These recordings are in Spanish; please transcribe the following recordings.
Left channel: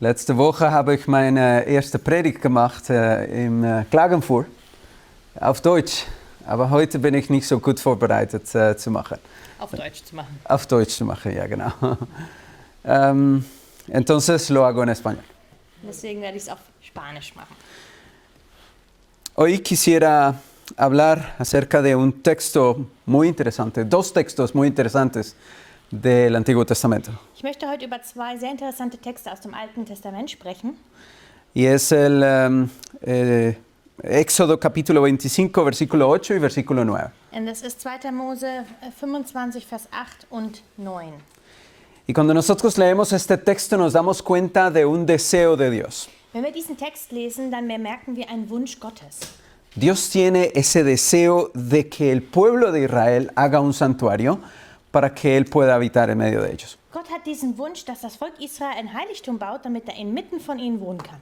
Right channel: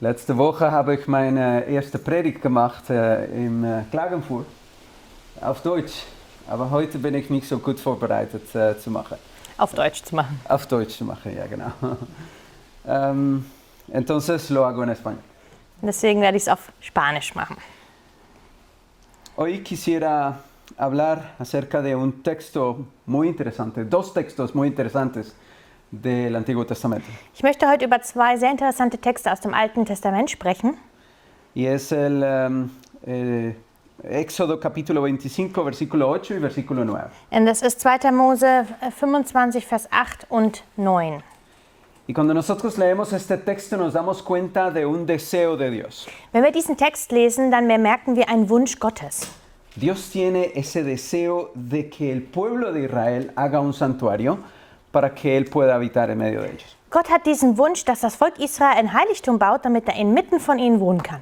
Letzte Woche habe ich meine erste Predigt gemacht in Klagenfurt auf Deutsch. Aber heute bin ich nicht so gut vorbereitet zu machen. Auf Deutsch zu machen. Auf Deutsch zu machen, ja genau. Entonces lo hago en español. Deswegen werde ich es auf Spanisch machen. Hoy quisiera hablar acerca de un texto muy interesante, dos textos muy interesantes del Antiguo Testamento. Ich möchte heute über zwei sehr interessante Texte aus dem Alten Testament sprechen. Y es el Éxodo capítulo 25, versículo 8 y versículo 9. Und das ist 2. Mose 25, Vers 8 und 9. Y cuando nosotros leemos este texto nos damos cuenta de un deseo de Dios. Wenn wir diesen Text lesen, dann bemerken wir einen Wunsch Gottes. Dios tiene ese deseo de que el pueblo de Israel haga un santuario para que Él pueda habitar en medio de ellos. Gott hat diesen Wunsch, dass das Volk Israel ein Heiligtum baut, damit er inmitten von ihnen wohnen kann.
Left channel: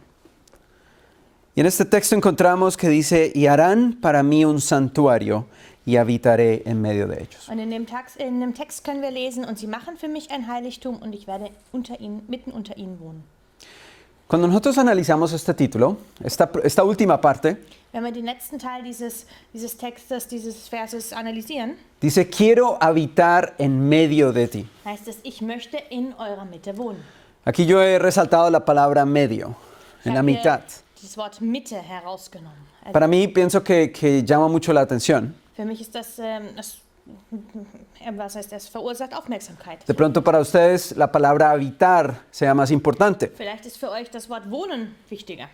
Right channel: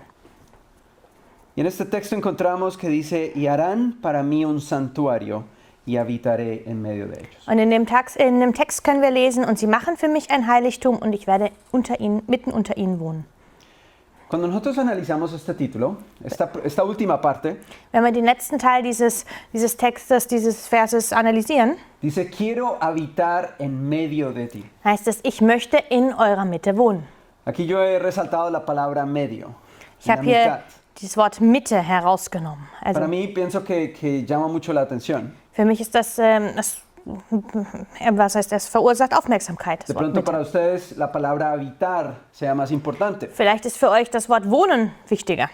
Y en este texto encontramos que dice, y harán para mí un santuario y habitaré en medio de ellos. Und in dem Text können wir lesen, und sie machen für mich ein Heiligtum und ich werde mitten unter ihnen wohnen. Cuando nosotros analizamos este título, esta última parte, Wenn wir den letzten Teil dieses Textes, dieses Verses analysieren, dice, quiero habitar en medio de ti. heißt es, ich möchte in eurer Mitte wohnen. Aquí yo he resaltado la palabra medio, Ich en la habe hier mitad. dieses Wort Mitte herausgenommen. Also Para mí pienso que llama mucho la atención. für mich ist das verursacht Aufmerksamkeit. das De Wort pronto Mitte. para ustedes la palabra habitar sea más importante. Vielleicht ist für euch das Wort Wohnen wichtiger.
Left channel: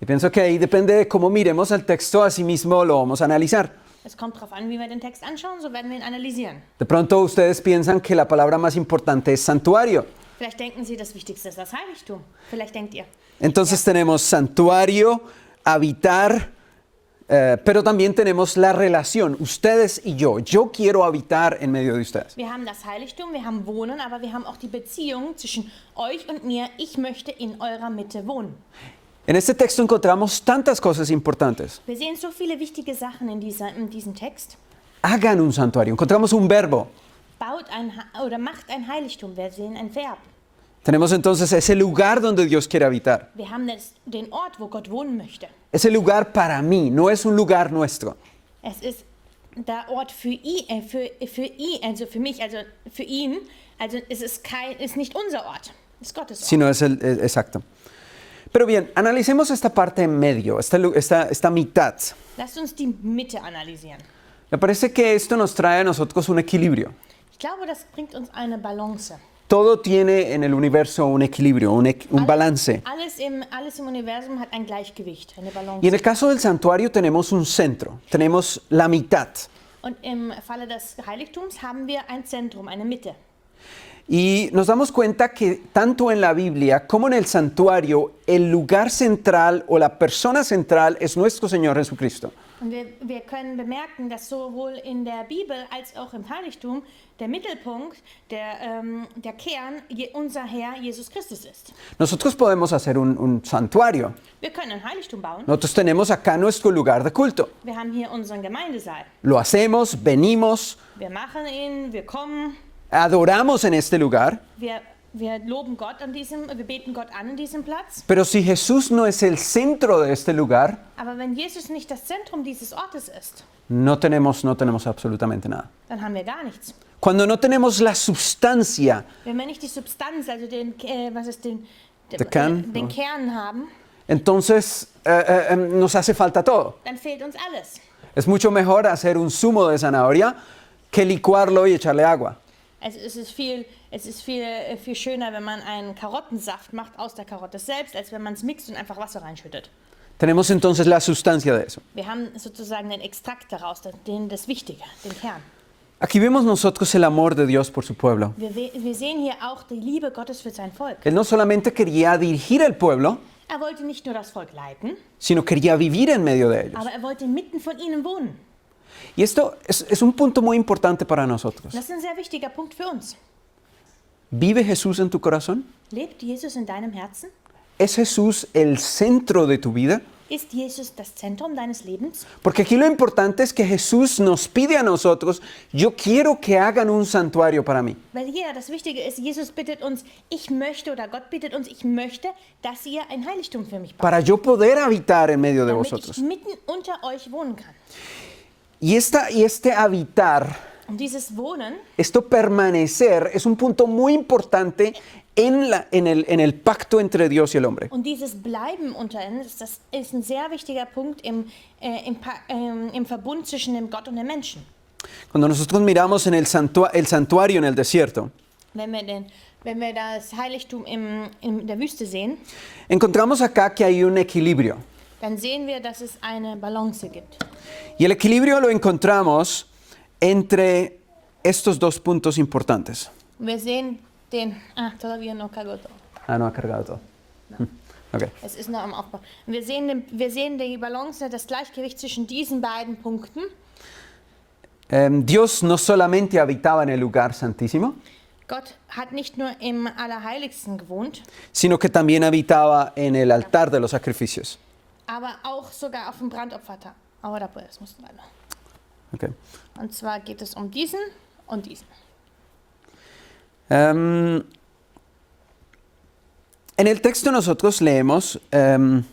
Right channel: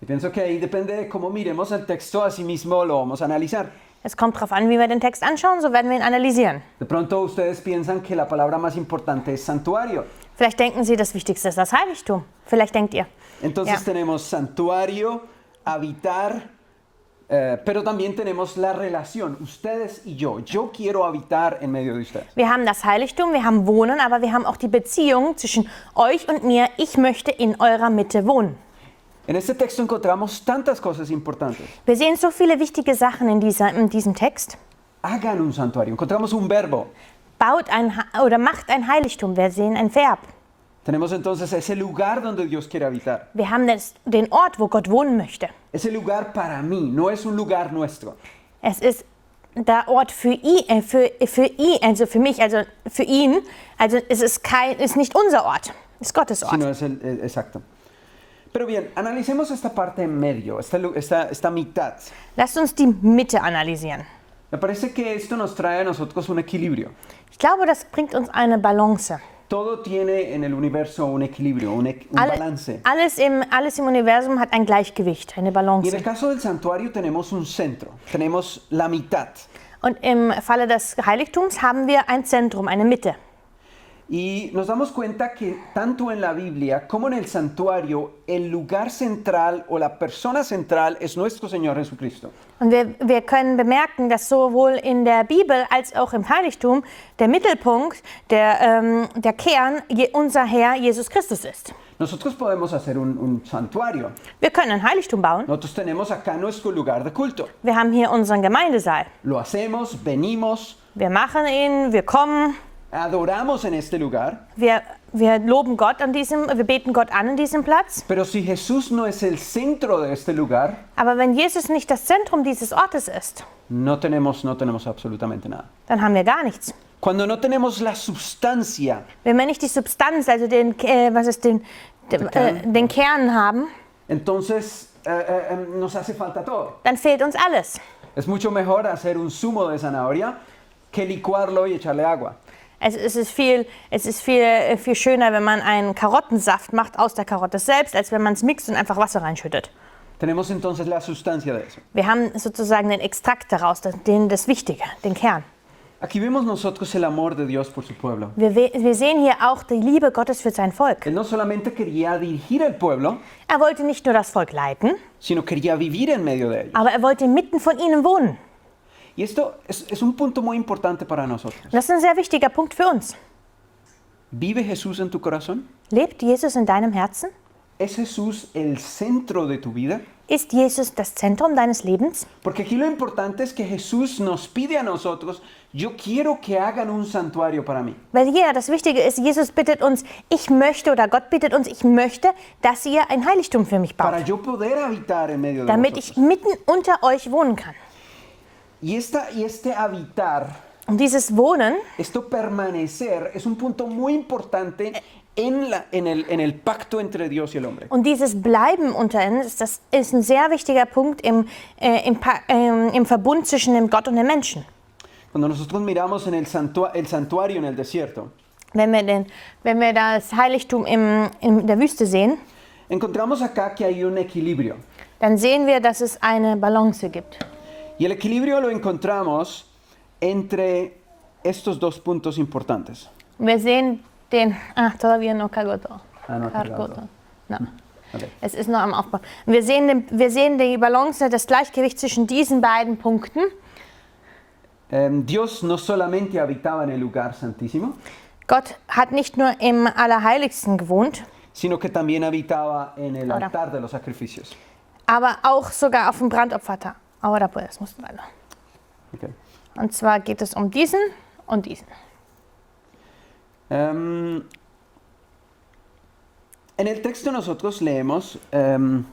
Y pienso que ahí depende de cómo miremos el texto, así mismo lo vamos a analizar. Es kommt darauf an, wie wir den Text anschauen, so werden wir ihn analysieren. De pronto ustedes piensan que la palabra más importante es santuario. Vielleicht denken Sie, das Wichtigste ist das Heiligtum. Vielleicht denkt ihr. Entonces Ja. tenemos santuario, habitar, pero también tenemos la relación, ustedes y yo. Yo quiero habitar en medio de ustedes. Wir haben das Heiligtum, wir haben Wohnen, aber wir haben auch die Beziehung zwischen euch und mir. Ich möchte in eurer Mitte wohnen. En este texto encontramos tantas cosas importantes. Wir sehen so viele wichtige Sachen in diesem Text. Hagan un santuario. Encontramos un verbo. Macht ein Heiligtum. Wir sehen ein Verb. Tenemos entonces ese lugar donde Dios quiere habitar. Wir haben den Ort, wo Gott wohnen möchte. Ese lugar para mí, no es un lugar nuestro. Es ist der Ort für ihn, also für mich, also für ihn. Also es ist nicht unser Ort, es ist Gottes Ort. Sino es exacto. Pero bien, analicemos esta parte en medio, esta mitad. Lasst uns die Mitte analysieren. Me parece que esto nos trae a nosotros un equilibrio. Ich glaube, das bringt uns eine Balance. Todo tiene en el universo un equilibrio, un balance. Alles im Universum hat ein Gleichgewicht, eine Y Balance. en el caso del santuario tenemos un centro, tenemos la mitad. Und im Falle des Heiligtums haben wir ein Zentrum, eine Mitte. Y nos damos cuenta que tanto en la Biblia como en el santuario, el lugar central o la persona central es nuestro Señor Jesucristo. Und wir können bemerken, dass sowohl in der Bibel als auch im Heiligtum der Mittelpunkt, der Kern, unser Herr Jesus Christus ist. Nosotros podemos hacer un santuario. Wir können ein Heiligtum bauen. Nosotros tenemos acá nuestro lugar de culto. Wir haben hier unseren Gemeindesaal. Lo hacemos, venimos, Wir machen ihn, wir kommen, adoramos en este lugar. wir loben Gott wir beten Gott an in diesem Platz. Pero si Jesús no es el centro de este lugar, Aber wenn Jesus nicht das Zentrum dieses Ortes ist, no tenemos absolutamente nada. dann haben wir gar nichts. Cuando no tenemos la sustancia, Wenn wir nicht die Substanz, also den Kern haben, entonces nos hace falta todo. dann fehlt uns alles. Es mucho mejor hacer un zumo de zanahoria que licuarlo y echarle agua. Es ist viel schöner, wenn man einen Karottensaft macht aus der Karotte selbst, als wenn man es mixt und einfach Wasser reinschüttet. Tenemos entonces la sustancia de eso. Wir haben sozusagen den Extrakt daraus, das Wichtige, den Kern. Aquí vemos nosotros el amor de Dios por su pueblo. Wir sehen hier auch die Liebe Gottes für sein Volk. Él no solamente quería dirigir el pueblo, Er wollte nicht nur das Volk leiten, sino quería vivir en medio de ellos. aber er wollte mitten von ihnen wohnen. Y esto es un punto muy importante para nosotros. Das ist ein sehr wichtiger Punkt für uns. ¿Vive Jesús en tu corazón? Lebt Jesus in deinem Herzen? ¿Es Jesús el centro de tu vida? Ist Jesus das Zentrum deines Lebens? Porque aquí lo importante es que Jesús nos pide a nosotros, yo quiero que hagan un santuario para mí. Weil hier das Wichtige ist, Jesus bittet uns, ich möchte, oder Gott bittet uns, ich möchte, dass ihr ein Heiligtum für mich baut, Para yo poder habitar en medio de damit ich vosotros. mitten unter euch wohnen kann. Y este habitar, Und dieses Wohnen, esto permanecer, es un punto muy importante en el pacto entre Dios y el hombre. und dieses Bleiben unter uns, das ist ein sehr wichtiger Punkt im Verbund zwischen dem Gott und dem Menschen. Cuando nosotros miramos en el santuario en el desierto, Wenn wir das Heiligtum in der Wüste sehen, encontramos acá que hay un equilibrio. dann sehen wir, dass es eine Balance gibt. Y el equilibrio lo encontramos entre estos dos puntos importantes. Wir sehen todavía no cargó todo. No ha cargado todo. No. Okay. Es ist noch am Aufbau. Wir sehen die Balance, das Gleichgewicht zwischen diesen beiden Punkten. Dios no solamente habitaba en el lugar santísimo, Gott hat nicht nur im Allerheiligsten gewohnt, sino que también habitaba en el altar de los sacrificios. aber auch sogar auf dem Brandopferaltar. Ahora pues, muss weiter. Okay. Und zwar geht es um diesen und diesen. En el texto nosotros leemos, el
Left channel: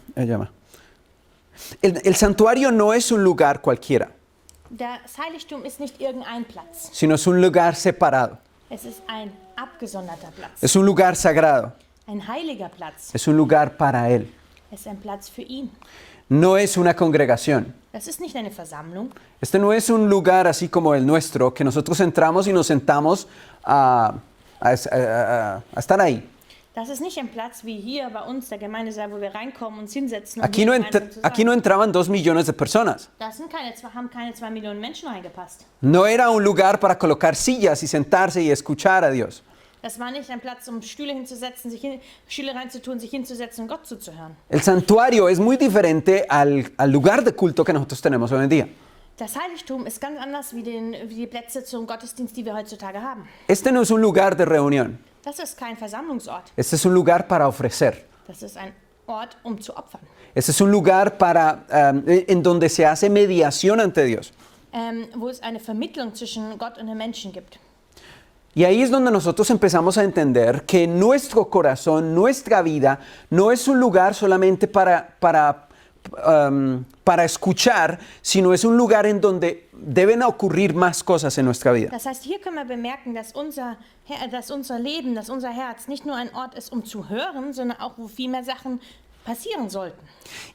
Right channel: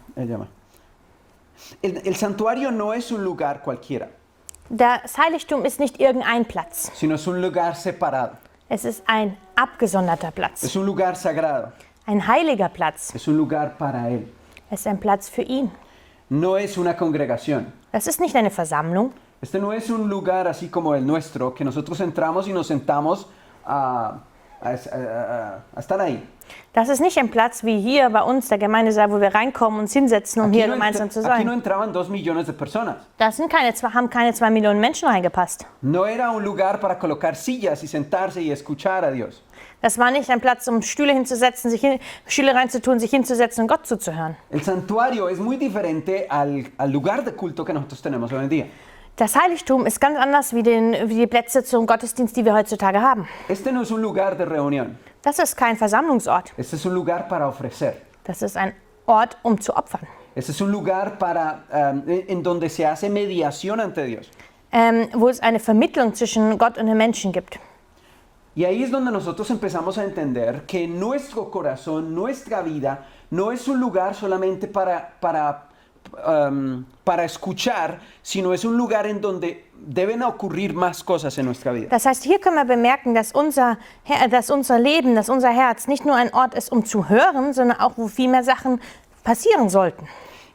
santuario no es un lugar cualquiera, Das Heiligtum ist nicht irgendein Platz. sino es un lugar separado, Es ist ein abgesonderter Platz. es un lugar sagrado, Ein heiliger Platz. es un lugar para Él. Es ist ein Platz für ihn. No es una congregación. Das ist nicht eine Versammlung. Este no es un lugar así como el nuestro, que nosotros entramos y nos sentamos a estar ahí. Das ist nicht ein Platz wie hier bei uns, der Gemeindesaal, wo wir reinkommen, uns hinsetzen, um hier gemeinsam zu Aquí no sein. entraban 2 millones de personas. Da haben keine 2 Millionen Menschen reingepasst. No era un lugar para colocar sillas y sentarse y escuchar a Dios. Das war nicht ein Platz, um Stühle hinzusetzen, Stühle reinzutun, sich hinzusetzen und Gott zuzuhören. El santuario es muy diferente al lugar de culto que nosotros tenemos hoy en día. Das Heiligtum ist ganz anders wie die Plätze zum Gottesdienst, die wir heutzutage haben. Este no es un lugar de reunión. Das ist kein Versammlungsort. Este es un lugar para ofrecer. Das ist ein Ort, um zu opfern. Este es un lugar en donde se hace mediación ante Dios. Wo es eine Vermittlung zwischen Gott und den Menschen gibt. Y ahí es donde nosotros empezamos a entender que nuestro corazón, nuestra vida, no es un lugar solamente para escuchar, sino es un lugar en donde deben ocurrir más cosas en nuestra vida. Das heißt, hier können wir bemerken, dass unser Leben, dass unser Herz nicht nur ein Ort ist, um zu hören, sondern auch, wo viel mehr Sachen passieren sollten.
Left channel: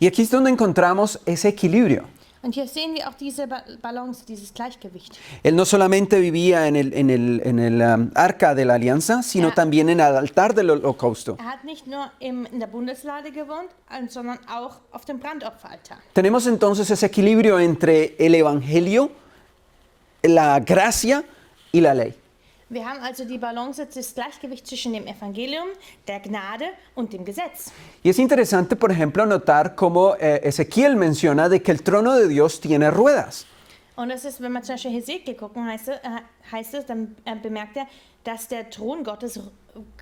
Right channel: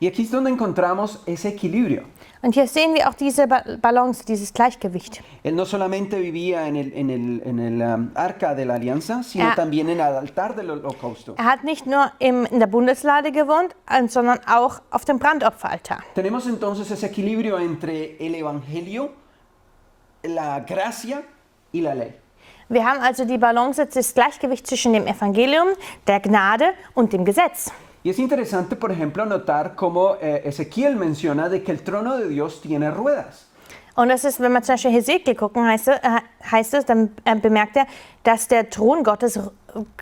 Y aquí es donde encontramos ese equilibrio. Und hier sehen wir auch diese Balance, dieses Gleichgewicht. Él no solamente vivía en el arca de la alianza, sino también en el altar del holocausto. Er hat nicht nur in der Bundeslade gewohnt, sondern auch auf dem Brandopferaltar. Tenemos entonces ese equilibrio entre el evangelio, la gracia y la ley. Wir haben also die Balance, das Gleichgewicht zwischen dem Evangelium, der Gnade und dem Gesetz. Y es interesante, por ejemplo, notar cómo Ezequiel menciona de que el trono de Dios tiene ruedas. Und das ist, wenn wir zum Beispiel Hesekiel gucken, heißt es, dann bemerkt er, dass der Thron Gottes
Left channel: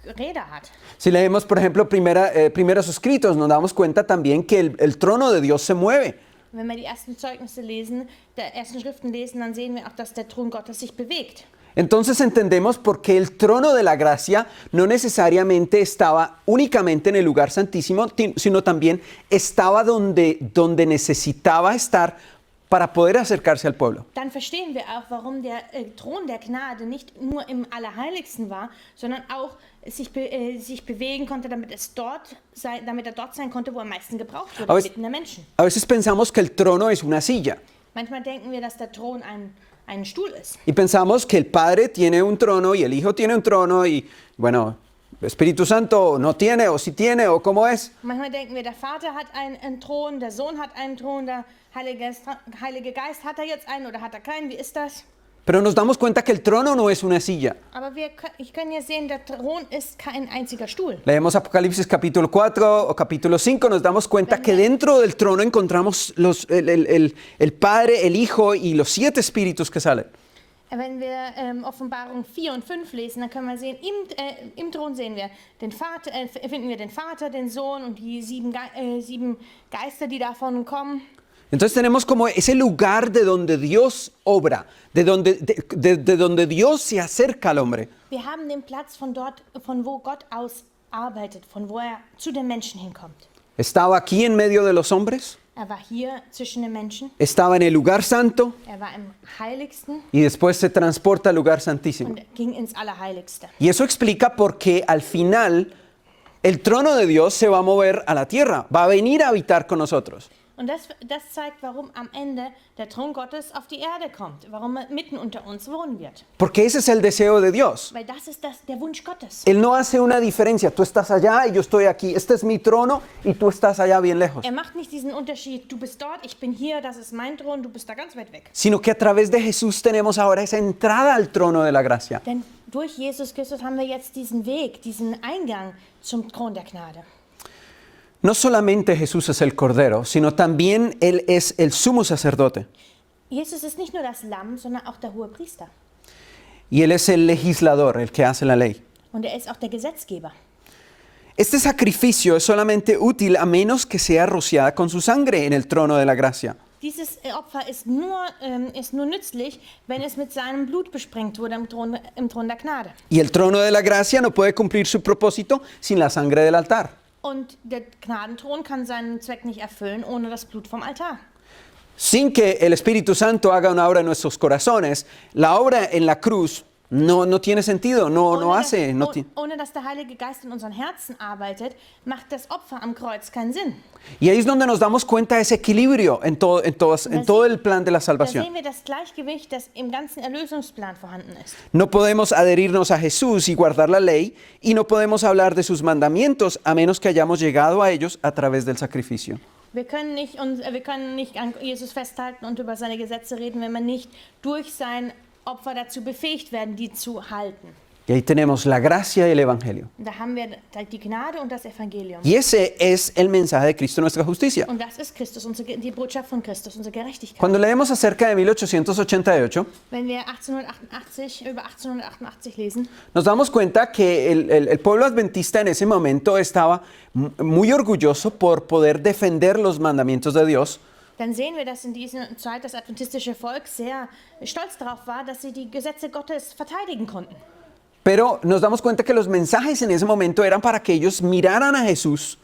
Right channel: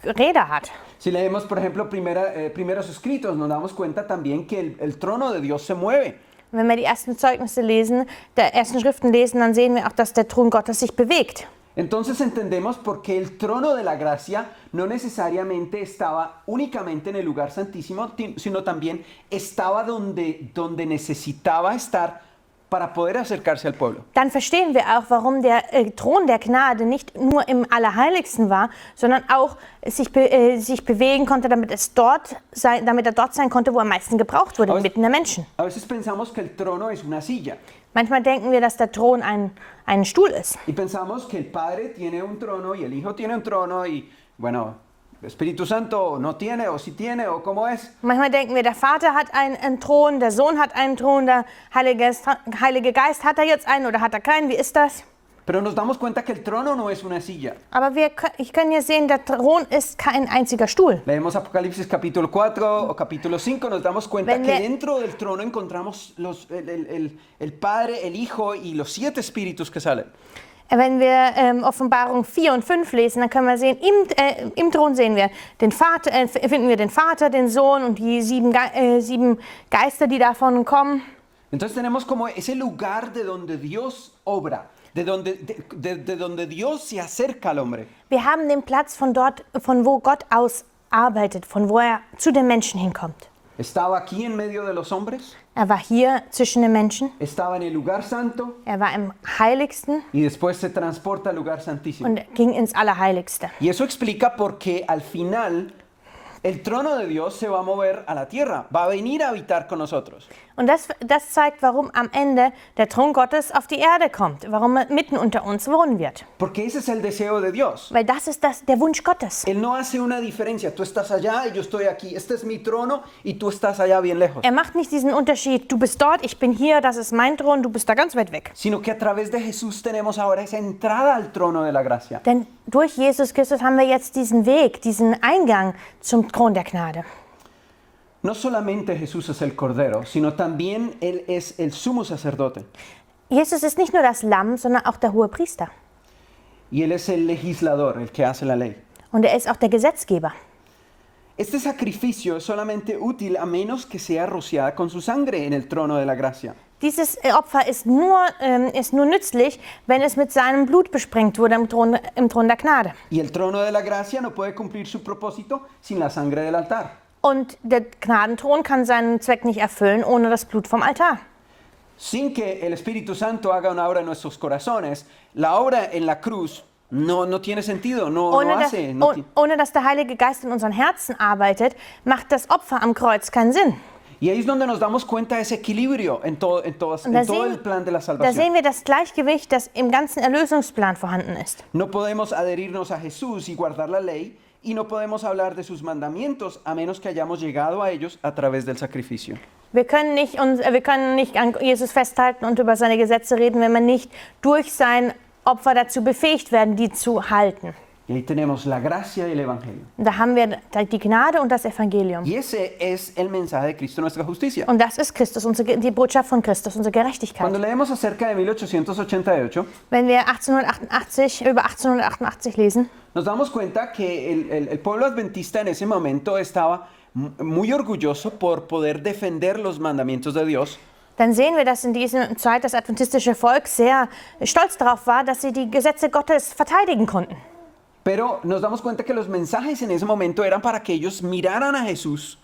Räder hat. Si leemos, por ejemplo, primeros escritos, nos damos cuenta también que el trono de Dios se mueve. Wenn wir die ersten Zeugnisse lesen, der ersten Schriften lesen, dann sehen wir auch, dass der Thron Gottes sich bewegt. Entonces entendemos por qué el trono de la gracia no necesariamente estaba únicamente en el lugar santísimo, sino también estaba donde necesitaba estar para poder acercarse al pueblo. Dann verstehen wir auch, warum der Thron der Gnade nicht nur im Allerheiligsten war, sondern auch sich bewegen konnte, damit er dort sein konnte, wo er am meisten gebraucht wurde, mitten der Menschen. A veces pensamos que el trono es una silla. Manchmal denken wir, dass der Thron ein Stuhl ist. Y pensamos que el Padre tiene un trono y el Hijo tiene un trono y, bueno, el Espíritu Santo no tiene o sí tiene o cómo es. Manchmal denken wir, der Vater hat einen Thron, der Sohn hat einen Thron, der Heilige Geist hat er jetzt einen oder hat er keinen? Wie ist das? Pero nos damos cuenta que el trono no es una silla. Aber ich kann hier sehen, der Thron ist kein einziger Stuhl. Leemos Apocalipsis capítulo 4 o capítulo 5, nos damos cuenta que dentro del trono encontramos el Padre, el Hijo y los 7 espíritus que salen. Wenn wir Offenbarung 4 und 5 lesen, dann können wir sehen, im Thron sehen wir den Vater, finden wir den Vater, den Sohn und die sieben Geister, die davon kommen. Entonces tenemos como ese lugar de donde Dios obra, de donde Dios se acerca al hombre. Wir haben den Platz von dort, von wo Gott aus arbeitet, von wo er zu den Menschen hinkommt. Estaba aquí en medio de los hombres, Er war hier zwischen den Menschen, estaba en el lugar santo er war im Heiligsten y después se transporta al lugar santísimo. und ging ins Allerheiligste. Y eso explica por qué al final el trono de Dios se va a mover a la tierra, va a venir a habitar con nosotros. Und das zeigt, warum am Ende der Thron Gottes auf die Erde kommt, warum er mitten unter uns wohnen wird. Porque ese es el deseo de Dios. Weil das ist der Wunsch Gottes. Él no hace una diferencia, tú estás allá y yo estoy aquí, este es mi trono y tú estás allá bien lejos. Er macht nicht diesen Unterschied, du bist dort, ich bin hier, das ist mein Thron, du bist da ganz weit weg. Sino que a través de Jesús tenemos ahora esa entrada al trono de la gracia. Denn durch Jesus Christus haben wir jetzt diesen Weg, diesen Eingang zum Thron der Gnade. No solamente Jesús es el Cordero, sino también Él es el sumo sacerdote. Jesus ist nicht nur das Lamm, sondern auch der hohe Priester. Y Él es el legislador, el que hace la ley. Und er ist auch der Gesetzgeber. Este sacrificio es solamente útil a menos que sea rociada con su sangre en el trono de la gracia. Dieses Opfer ist nur nützlich, wenn es mit seinem Blut besprengt wurde im Thron der Gnade. Y el trono de la gracia no puede cumplir su propósito sin la sangre del altar. Und der Gnadenthron kann seinen Zweck nicht erfüllen ohne das Blut vom Altar. Sin que el Espíritu Santo haga una obra en nuestros corazones, la obra en la cruz no tiene sentido, no hace. Ohne dass der Heilige Geist in unseren Herzen arbeitet, macht das Opfer am Kreuz keinen Sinn. Y ahí es donde nos damos cuenta de ese equilibrio en todo el plan de la Da salvación. sehen wir das Gleichgewicht, das im ganzen Erlösungsplan vorhanden ist. No podemos adherirnos a Jesús y guardar la ley, y no podemos hablar de sus mandamientos a menos que hayamos llegado a ellos a través del sacrificio. Wir können nicht an Jesus festhalten und über seine Gesetze reden, wenn wir nicht durch sein Opfer dazu befähigt werden, die zu halten. Y ahí tenemos la gracia y el Evangelio. Da haben wir die Gnade und das Evangelium. Y ese es el mensaje de Cristo, nuestra justicia. Und das ist Christus, die Botschaft von Christus, unsere Gerechtigkeit. Cuando leemos acerca de 1888, Wenn wir über 1888 lesen, nos damos cuenta que el pueblo adventista en ese momento estaba muy orgulloso por poder defender los mandamientos de Dios. dann sehen wir, dass in dieser Zeit das adventistische Volk sehr stolz darauf war, dass sie die Gesetze Gottes verteidigen konnten. Pero nos damos cuenta que los mensajes en ese momento eran para que ellos miraran a Jesús.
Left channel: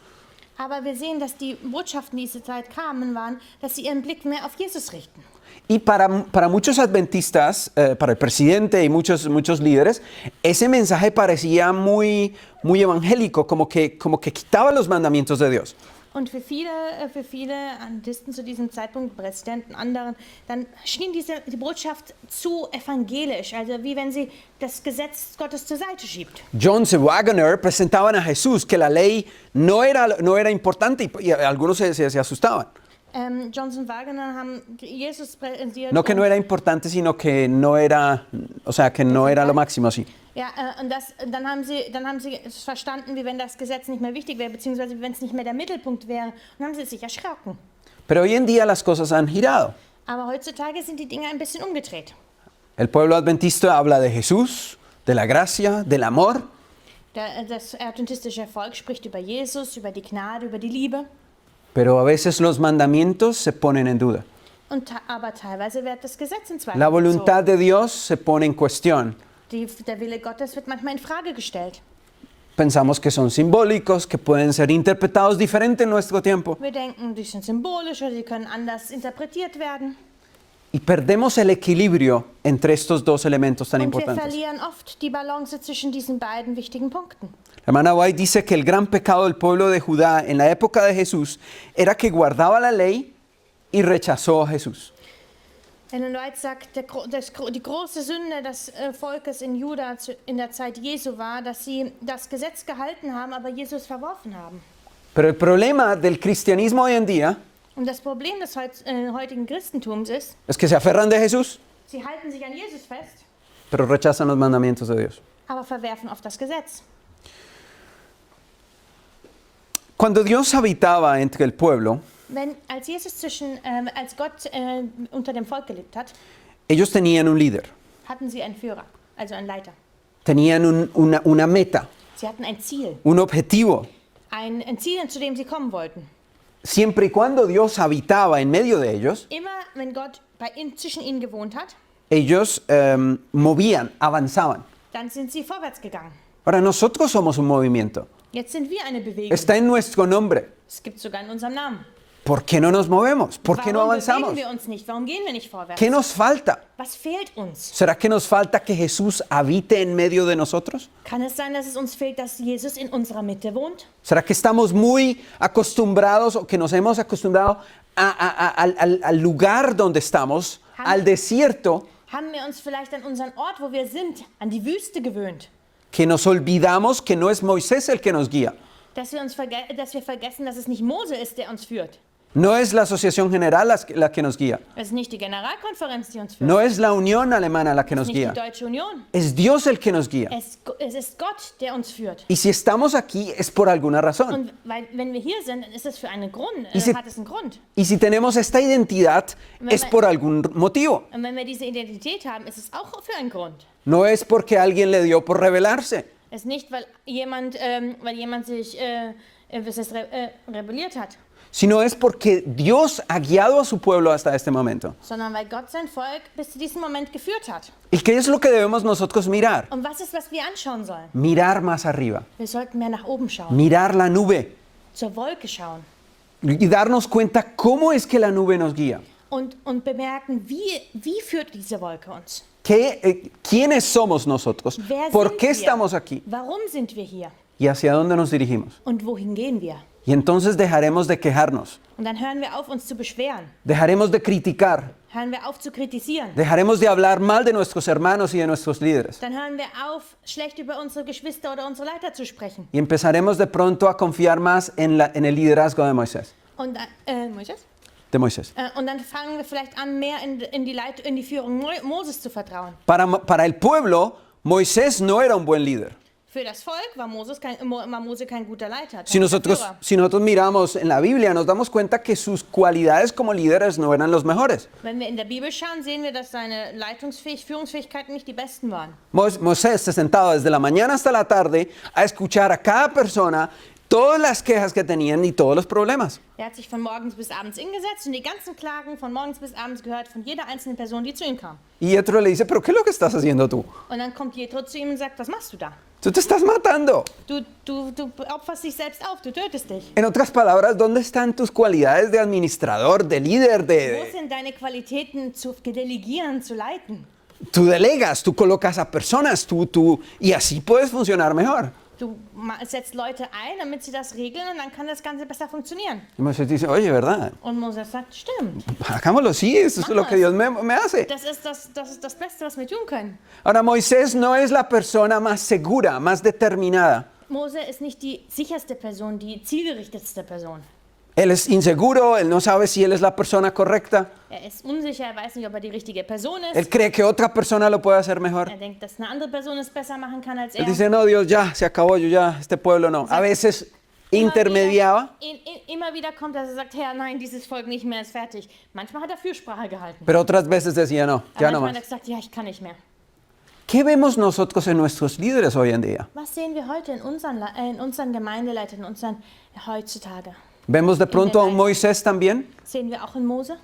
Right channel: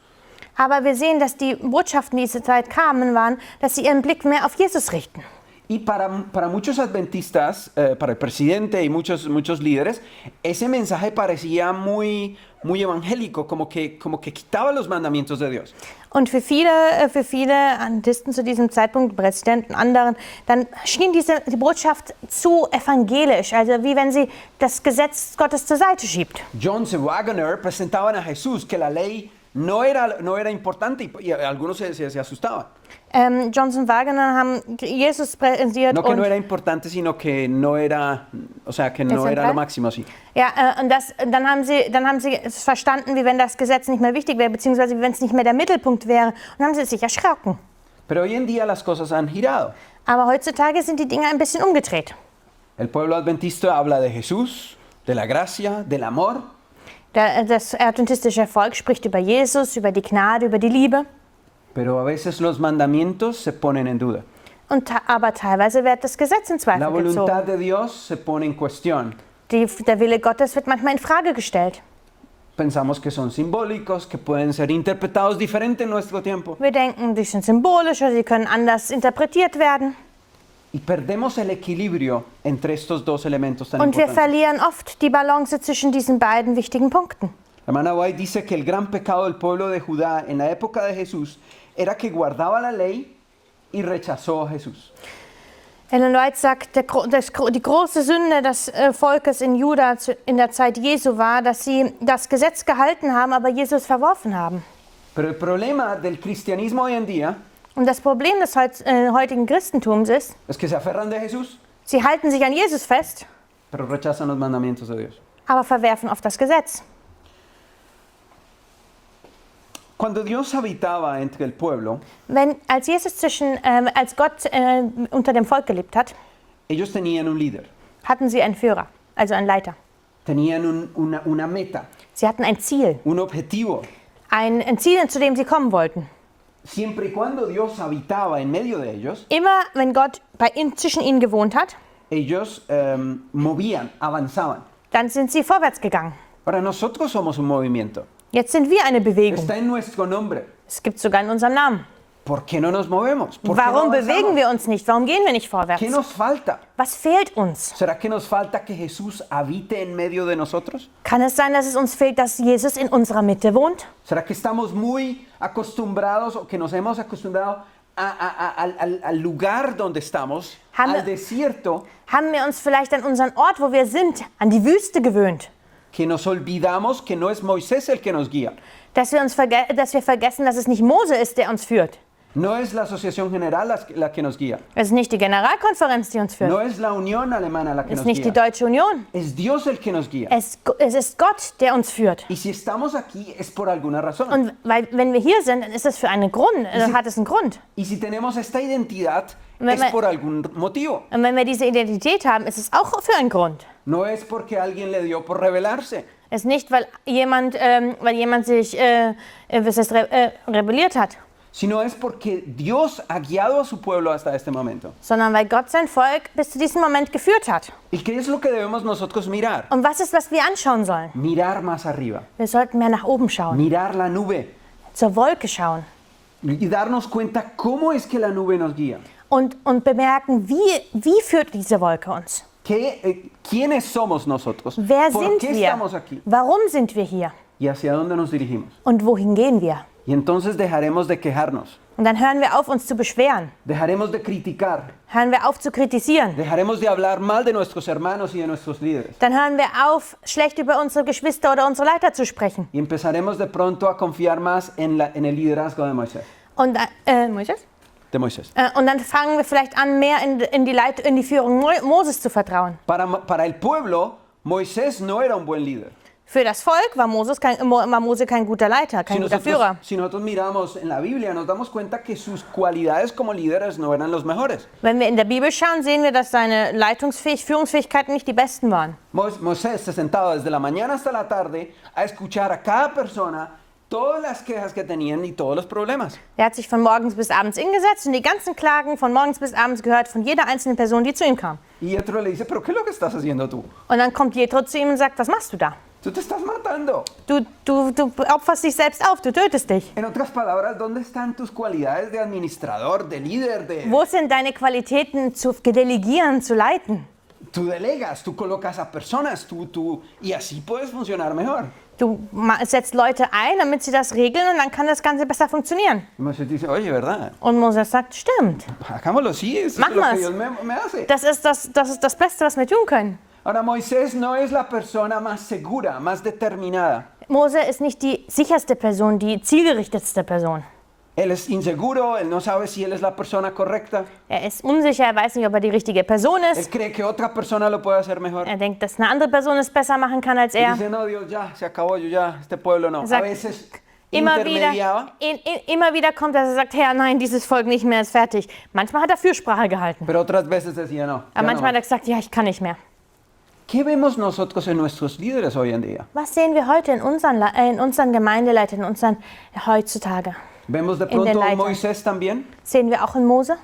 Aber wir sehen, dass die Botschaften, die in dieser Zeit kamen, waren, dass sie ihren Blick mehr auf Jesus richten. Y para muchos adventistas, para el presidente y muchos líderes, ese mensaje parecía muy evangélico, como que quitaba los mandamientos de Dios. Und für viele Adventisten zu diesem Zeitpunkt, Präsidenten, anderen, dann schien die Botschaft zu evangelisch, also wie wenn sie das Gesetz Gottes zur Seite schiebt. Jones y Wagner presentaban a Jesús que la ley no era importante y algunos se asustaban. Johnson Wagner haben Jesus präsentiert. No que no era importante, sino que no era, o sea, que no era lo máximo, así. Ja, und dann haben sie es verstanden, wie wenn das Gesetz nicht mehr wichtig wäre, beziehungsweise wie wenn es nicht mehr der Mittelpunkt wäre, und haben sie sich erschrocken. Pero hoy en día las cosas han girado. Aber heutzutage sind die Dinge ein bisschen umgedreht. El pueblo adventista habla de Jesús, de la gracia, del amor. Das adventistische Volk spricht über Jesus, über die Gnade, über die Liebe. Pero a veces los mandamientos se ponen en duda. Aber teilweise wird das Gesetz in Zweifel La voluntad gezogen. de Dios se pone en cuestión. Der Wille Gottes wird manchmal in Frage gestellt. Pensamos que son simbólicos, que pueden ser interpretados diferente en nuestro tiempo. Wir denken, die sind symbolisch oder sie können anders interpretiert werden. Y perdemos el equilibrio entre estos dos elementos tan Und wir importantes. verlieren oft die Balance zwischen diesen beiden wichtigen Punkten. La hermana White dice que el gran pecado del pueblo de Judá en la época de Jesús era que guardaba la ley y rechazó a Jesús. Ellen White sagt, die große Sünde des Volkes in Juda in der Zeit Jesu war, dass sie das Gesetz gehalten haben, aber Jesus verworfen haben. Pero el problema del cristianismo hoy en día Und das Problem des heutigen Christentums ist, es que se aferran de Jesús, sie halten sich an Jesus fest, pero rechazan los mandamientos de Dios. aber verwerfen oft das Gesetz. Cuando Dios habitaba entre el pueblo, Als Gott unter dem Volk gelebt hat, ellos tenían un líder. hatten sie einen Führer, also einen Leiter. Tenían una meta, Sie hatten ein Ziel, un objetivo. ein Ziel, zu dem sie kommen wollten. Siempre y cuando Dios habitaba en medio de ellos, Immer, wenn Gott zwischen ihnen gewohnt hat, ellos movían, avanzaban. dann sind sie vorwärts gegangen. Ahora nosotros somos un movimiento. Jetzt sind wir eine Bewegung. Está en nuestro nombre. Es gibt sogar in unserem Namen. ¿Por qué no nos movemos? ¿Por qué no Warum bewegen avanzamos? wir uns nicht? Warum gehen wir nicht vorwärts? ¿Qué nos falta? Was fehlt uns? ¿Será que nos falta que Jesús habite en medio de nosotros? Kann es sein, dass es uns fehlt, dass Jesus in unserer Mitte wohnt? ¿Será que estamos muy acostumbrados o que nos hemos acostumbrado al lugar donde estamos, al desierto, Haben wir uns vielleicht an unseren Ort, wo wir sind, an die Wüste gewöhnt? que nos olvidamos que no es Moisés el que nos guía? Dass wir vergessen, dass es nicht Mose ist, der uns führt. No es la Asociación General la que nos guía. Es ist nicht die Generalkonferenz, die uns führt. No es la Unión Alemana la que Es nos ist nicht die guía. Deutsche Union. Es Dios el que nos guía. Es ist Gott, der uns führt. Y si estamos aquí es por alguna razón. Und wenn wir hier sind, dann ist es für einen Grund. si- Hat es einen Grund. Y si tenemos esta identidad es por algún motivo. Und wenn wir diese Identität haben, ist es auch für einen Grund. No es porque alguien le dio por rebelarse. Es ist nicht, weil jemand sich rebelliert hat, Sino es porque Dios ha guiado a su pueblo hasta este momento. sondern weil Gott sein Volk bis zu diesem Moment geführt hat. ¿Y qué es lo que debemos nosotros mirar? Und was ist, was wir anschauen sollen? Mirar más arriba. Wir sollten mehr nach oben schauen, Mirar la nube. zur Wolke schauen Y darnos cuenta cómo es que la nube nos guía. und bemerken, wie führt diese Wolke uns? ¿Quiénes somos nosotros? Wer ¿Por sind qué wir? estamos aquí? Warum sind wir hier? ¿Y hacia dónde nos dirigimos? Und wohin gehen wir? Y entonces dejaremos de quejarnos. Und dann hören wir auf, uns zu beschweren. Dejaremos de criticar. Hören wir auf zu kritisieren. Dejaremos de hablar mal de nuestros hermanos y de nuestros líderes. Dann hören wir auf, schlecht über unsere Geschwister oder unsere Leiter zu sprechen. Y empezaremos de pronto a confiar más en el liderazgo de Moisés. Und, Moisés? De Moisés. Und dann fangen wir vielleicht an, mehr in die Führung Moses zu vertrauen. Para el pueblo, Moisés no era un buen líder. Für das Volk war Mose kein guter Leiter, kein guter Führer. Si nosotros miramos en la Biblia, nos damos cuenta que sus cualidades como líderes no eran los mejores. Wenn wir in der Bibel schauen, sehen wir, dass seine Führungsfähigkeiten nicht die besten waren. Moisés se sentaba desde la mañana hasta la tarde a escuchar a cada persona todas las quejas que tenían y todos los problemas. Er hat sich von morgens bis abends hingesetzt und die ganzen Klagen von morgens bis abends gehört von jeder einzelnen Person, die zu ihm kam. Y Yetro le dice, ¿pero qué es lo que estás haciendo tú? Und dann kommt Jethro zu ihm und sagt, was machst du da? Tú te estás matando. Du opferst dich selbst auf, du tötest dich. En otras palabras, ¿dónde están tus cualidades de administrador, de líder, Wo sind deine Qualitäten zu delegieren, zu leiten? Tú delegas, tú colocas a personas, y así puedes funcionar mejor. Du setzt Leute ein, damit sie das regeln und dann kann das Ganze besser funktionieren. Y Moisés dice, oye, ¿verdad? Und Moses sagt, stimmt. Hagámoslo así, eso es lo Mach que Dios más. me hace. Das ist das Beste, was wir tun können. Ahora, Moisés no es la persona más segura, más determinada. Mose ist nicht die sicherste Person, die zielgerichtetste Person. Él es inseguro, él no sabe si él es la persona correcta. Er ist unsicher, er weiß nicht, ob er die richtige Person Él ist. cree que otra persona lo puede hacer mejor. Er denkt, dass eine andere Person es besser machen kann als Él er. dice, no, Dios, ya, se acabó, yo ya, este pueblo no. A Sagt, veces Immer intermediaba, immer wieder kommt, dass er sagt, Herr, nein, dieses Volk nicht mehr ist fertig. Manchmal hat er Fürsprache gehalten. pero otras veces decía, no, Aber ya no manchmal hat er más. gesagt, ja, ich kann nicht mehr. ¿Qué vemos nosotros en nuestros líderes hoy en día? Was sehen wir heute in unseren Gemeindeleitern, in unseren heutzutage? ¿Vemos de pronto a Leiter. Moisés también? Sehen wir auch in Mose?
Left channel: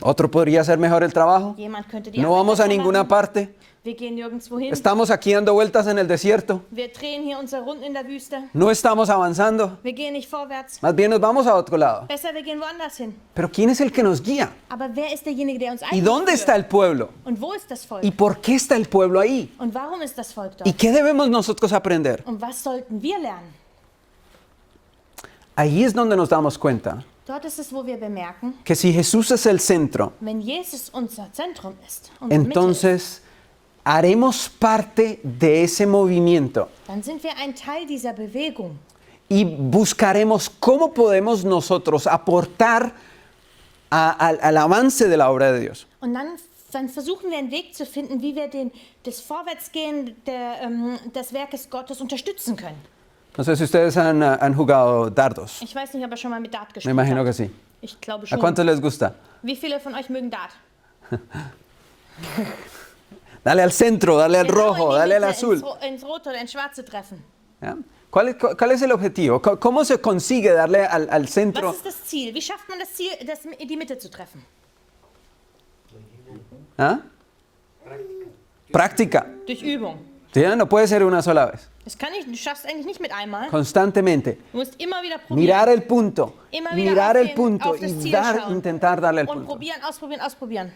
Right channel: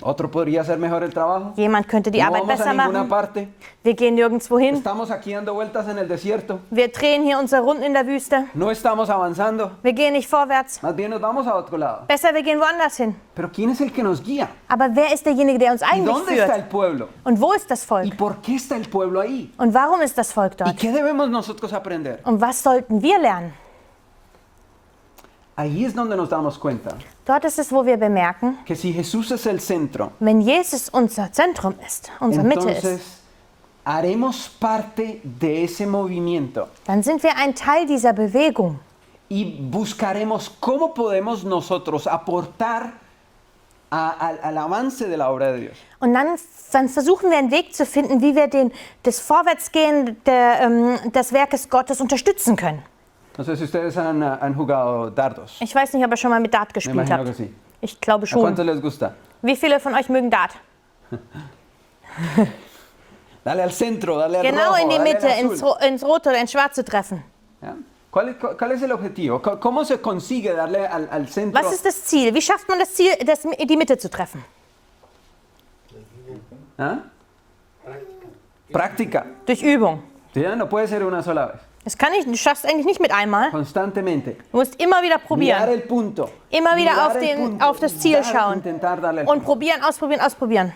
¿Otro podría hacer mejor el trabajo? Jemand könnte die No Arbeit vamos a besser ninguna machen. parte. Wir gehen nirgendwo hin. Estamos aquí dando vueltas en el desierto. Wir drehen hier unsere Runden in der Wüste. No estamos avanzando. Wir gehen nicht vorwärts. Más bien nos vamos a otro lado. Besser, wir gehen woanders hin. Pero ¿quién es el que nos guía? Aber wer ist derjenige, der uns ¿Y eigentlich dónde está el führt? pueblo? Und wo ist das ¿Y Volk? por qué está el pueblo ahí? Und warum ist das Volk ¿Y dort? qué debemos nosotros aprender? Und was sollten wir lernen? Ahí es donde nos damos cuenta Dort ist es, wo wir bemerken, que si Jesús es el centro, wenn Jesus unser Zentrum ist, unsere Mitte ist, entonces haremos parte de ese movimiento dann sind wir ein Teil dieser Bewegung. y buscaremos cómo podemos nosotros aportar al avance de la obra de Dios. Und dann versuchen wir einen Weg zu finden, wie wir das Vorwärtsgehen des Werkes Gottes unterstützen können. No sé si ustedes han jugado dardos. Ich weiß nicht, ob ihr schon mal mit Dart Me gespielt imagino que habt. sí. Ich glaube ¿A schon. cuántos les gusta? Wie viele von euch mögen Dart? Dale al centro, dale al Genau rojo, in die dale al Mitte, azul. ins Rote oder ins Schwarze treffen. ¿Ya? ¿Cuál es el objetivo? ¿Cómo se consigue darle al centro? Was ist das Ziel? Wie schafft man das Ziel, die Mitte zu treffen? ¿Ah? Práctica. Durch Übung. ¿Ya? No puede ser una sola vez. Du schaffst eigentlich nicht mit einmal. Constantemente. Du musst immer wieder Mirar probieren. el punto. Immer wieder mirar el auf punto das y Ziel schauen. intentar darle el Und punto. probieren, ausprobieren.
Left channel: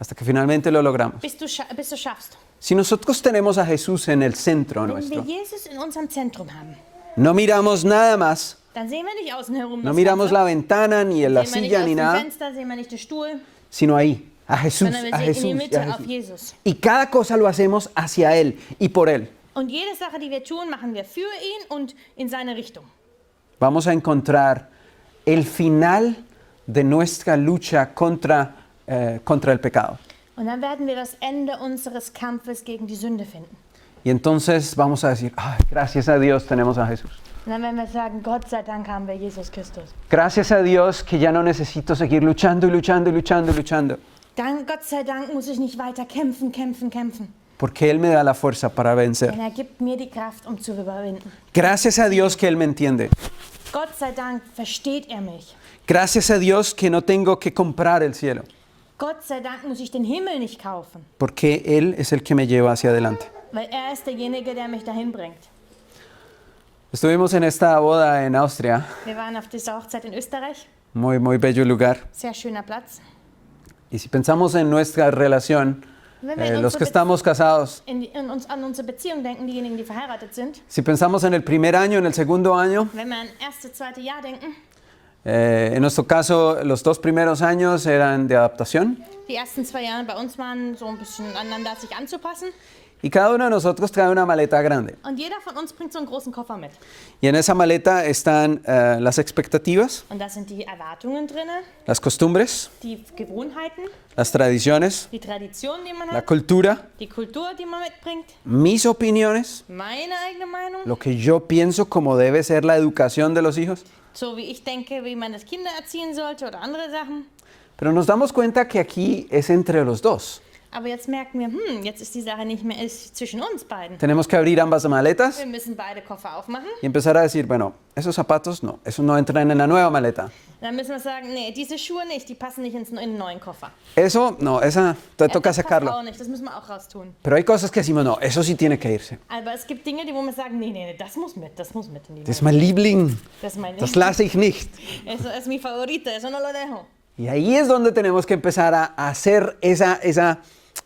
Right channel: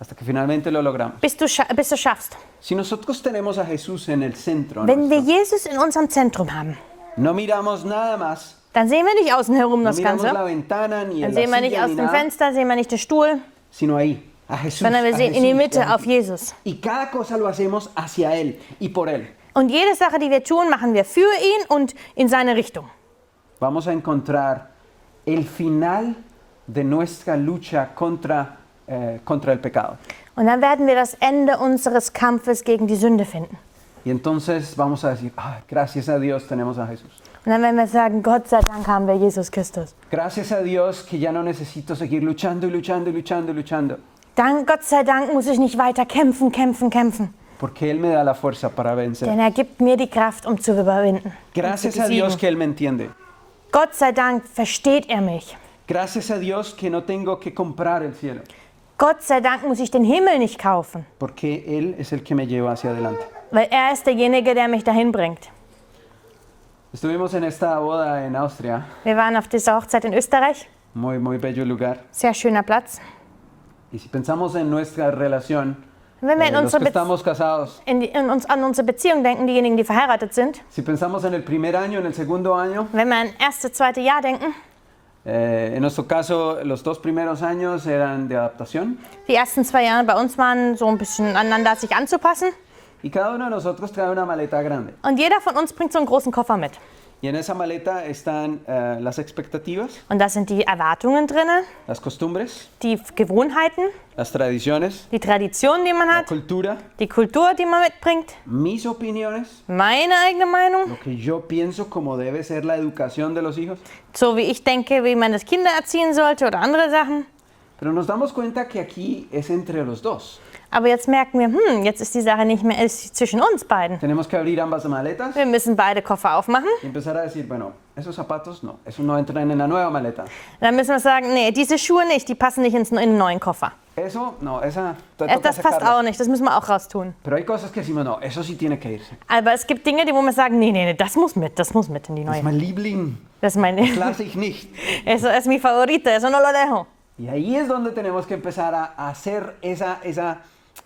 Hasta que finalmente lo logramos. Bis du schaffst. Si nosotros tenemos a Jesús en el centro, Wenn wir nuestro, Jesus in unserem Zentrum haben, no miramos nada más, dann sehen wir nicht außen herum no das miramos la Ganze. ventana, ni Dann la sehen wir nicht silla, aus ni dem nada, Fenster, sehen wir nicht den Stuhl, sino ahí, a Jesús. sondern wir a sehen in die Jesús, Mitte, a auf Jesús. Jesus. Y cada cosa lo hacemos hacia Él y por Él. Und jede Sache, die wir tun, machen wir für ihn und in seine Richtung. Vamos a encontrar el final de nuestra lucha contra el pecado. Und dann werden wir das Ende unseres Kampfes gegen die Sünde finden. Y entonces vamos a decir, "Ay, gracias a Dios tenemos a Jesús. Und dann werden wir sagen, Gott sei Dank haben wir Jesus Christus. Gracias a Dios que ya no necesito seguir luchando y luchando y luchando y luchando. Gott sei Dank muss ich nicht weiter kämpfen. Porque Él me da la fuerza para vencer. Denn er gibt mir die Kraft, um zu überwinden. Gracias a Dios que Él me entiende. Gott sei Dank versteht er mich. Gracias a Dios que no tengo que comprar el cielo. Gott sei Dank muss ich den Himmel nicht kaufen, Porque Él es el que me lleva hacia adelante. weil er ist derjenige, der mich dahin bringt. Estuvimos en esta boda en Austria. Wir waren auf dieser Hochzeit in Österreich. Muy, muy bello lugar. Sehr schöner Platz. Y si pensamos en nuestra relación, Wenn wir in los que unsere, estamos casados, an unsere Beziehung denken, diejenigen, die verheiratet sind, si pensamos en el primer año, en el segundo año, wenn wir an erste, zweite Jahr denken, en nuestro caso, los 2 primeros años eran de adaptación. die ersten 2 Jahre bei uns waren so ein bisschen aneinander sich anzupassen. Y cada uno de nosotros trae una maleta grande. Und jeder von uns bringt so einen großen Koffer mit. Y en esa maleta están las expectativas, Und da sind die Erwartungen drin, las costumbres, die Gewohnheiten, las tradiciones, die Traditionen, die man la hat, cultura, die Kultur, die man mitbringt, mis opiniones, meine eigene Meinung, lo que yo pienso como debe ser la educación de los hijos. so wie ich denke, wie man das Kinder erziehen sollte oder andere Sachen. Pero nos damos cuenta que aquí es entre los dos. Aber jetzt merken wir, jetzt ist die Sache nicht mehr ist zwischen uns beiden. Tenemos que abrir ambas maletas Wir müssen beide Koffer aufmachen. y empezar a decir, bueno, esos zapatos no, esos no entran en la nueva maleta. Dann müssen wir sagen, nee, diese Schuhe nicht, die passen nicht in den neuen Koffer. Eso, no, esa te toca Das passt sacarlo. auch nicht, das müssen wir auch raustun. Pero hay cosas que decimos, no, eso sí tiene que irse. Aber es gibt Dinge, wo wir sagen, nee, das muss mit in die Das ist neue. mein Liebling, Das ist mein das lasse ich nicht. Eso es mi favorito, eso no lo dejo. Y ahí es donde tenemos que empezar a hacer esa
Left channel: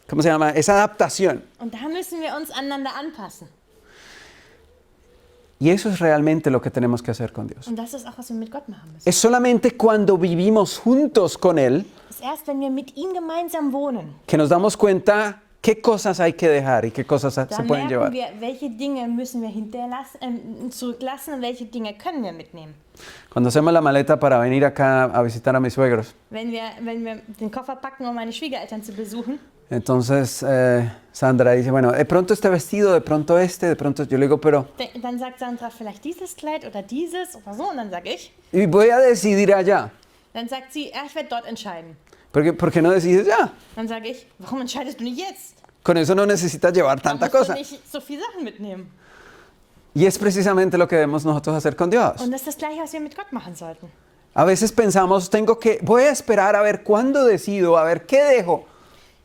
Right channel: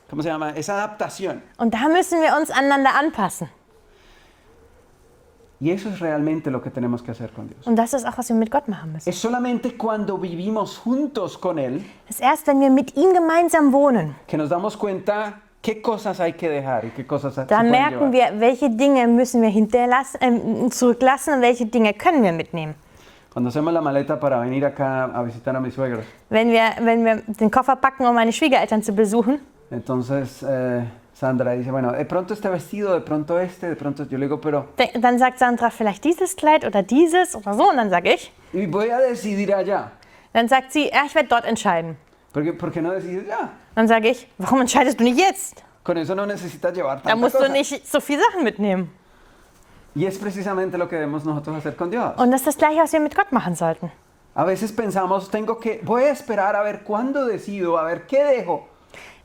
¿cómo se llama? Esa adaptación. Und da müssen wir uns aneinander anpassen. Y eso es realmente lo que tenemos que hacer con Dios. Und das ist auch, was wir mit Gott machen müssen. Es solamente cuando vivimos juntos con Él Es ist erst, wenn wir mit ihm gemeinsam wohnen, que nos damos cuenta qué cosas hay que dejar y qué cosas se da pueden merken llevar. wir, welche Dinge müssen wir zurücklassen und welche Dinge können wir mitnehmen. Cuando hacemos la maleta para venir acá a visitar a mis suegros, Wenn wir den Koffer packen, um meine Schwiegereltern zu besuchen, entonces Sandra dice, bueno, de pronto este vestido, de pronto este, de pronto yo le digo, pero dann sagt Sandra vielleicht dieses Kleid oder dieses oder so. Und dann sage ich, y voy a decidir allá. dann sagt sie, ja, ich werde dort entscheiden. ¿Por qué no decides ya? Dann sage ich, warum entscheidest du nicht jetzt? Con eso no necesitas llevar Da tanta musst du cosa. nicht so viele Sachen mitnehmen. Y es precisamente lo que debemos nosotros hacer con Dios. Und das ist das Gleiche, was wir mit Gott machen sollten. A veces pensamos, voy a esperar a ver cuándo decido, a ver qué dejo.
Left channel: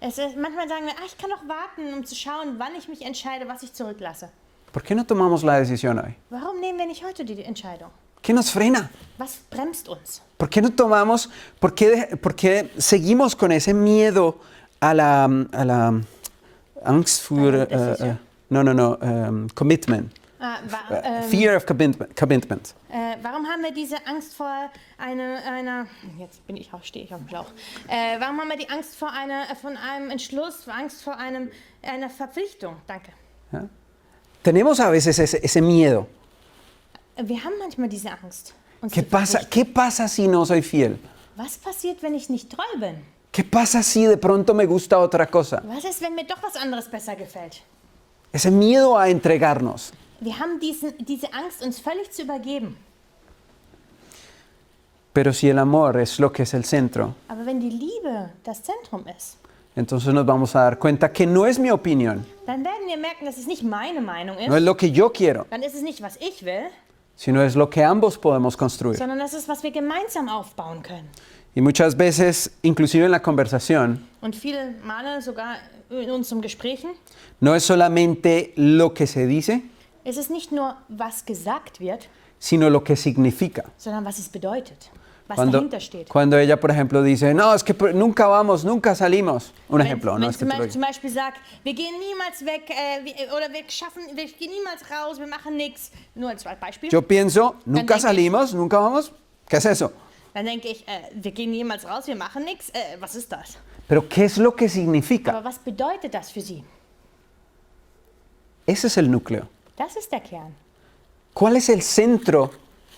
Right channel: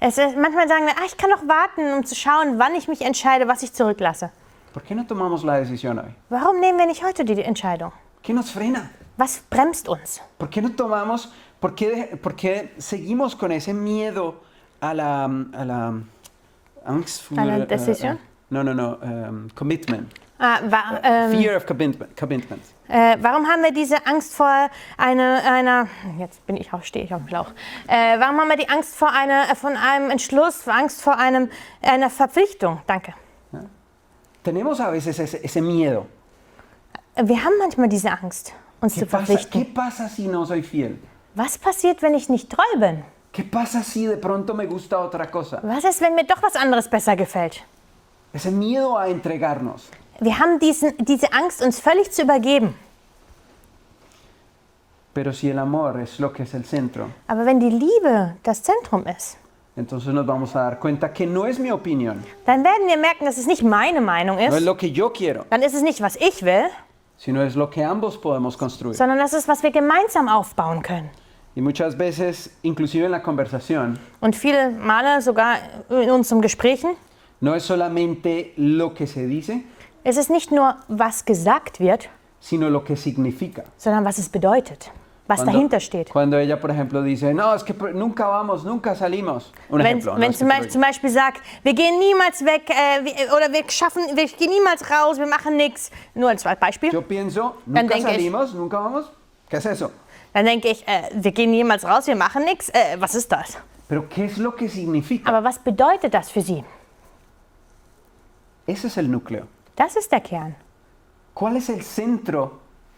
Manchmal sagen wir, ich kann doch warten, um zu schauen, wann ich mich entscheide, was ich zurücklasse. ¿Por qué no tomamos la decisión hoy? Warum nehmen wir nicht heute die Entscheidung? ¿Qué nos frena? Was bremst uns? ¿Por qué no tomamos, por qué seguimos con ese miedo a la Angst vor, A la decisión? commitment. Warum Fear of commitment. haben wir diese Angst vor einer jetzt stehe ich auf dem Schlauch. Warum haben wir die Angst vor einem Entschluss, Angst vor einer Verpflichtung? Danke. Tenemos a veces ese miedo. Wir haben manchmal diese Angst, uns ¿Qué zu verpflichten. ¿Qué pasa si no soy fiel? Was passiert, wenn ich nicht treu bin? ¿Qué pasa si de pronto me gusta otra cosa? Was ist, wenn mir doch was anderes besser gefällt? Ese miedo a entregarnos. Wir haben diese Angst, uns völlig zu übergeben. Pero si el amor es lo que es el centro, Aber wenn die Liebe das Zentrum ist, entonces nos vamos a dar cuenta que no es mi opinión, dann werden wir merken, dass es nicht meine Meinung no es ist, lo que yo quiero, dann ist es nicht, was ich will, sino es lo que ambos podemos construir. sondern das ist, was wir gemeinsam aufbauen können. Y muchas veces, inclusive en la conversación, Und viele Male, sogar in unseren Gesprächen, no es solamente lo que se dice, ist es nicht nur, was gesagt wird, sino lo que significa. sondern was es bedeutet, was dahinter steht. Cuando ella, por ejemplo, dice, no, es que nunca vamos, nunca salimos. Un ejemplo. ¿no? Wenn Es que te lo zum Beispiel sagt, wir gehen niemals weg oder wir gehen niemals raus, wir machen nichts. Nur als Beispiel. Yo pienso, nunca denke ich- salimos, nunca vamos. ¿Qué es eso? Dann denke ich, wir gehen niemals raus, wir machen nichts. Was ist das? Pero ¿qué es lo que significa? Aber was bedeutet das für Sie? Ese es el núcleo. Das ist der Kern. ¿Cuál es el centro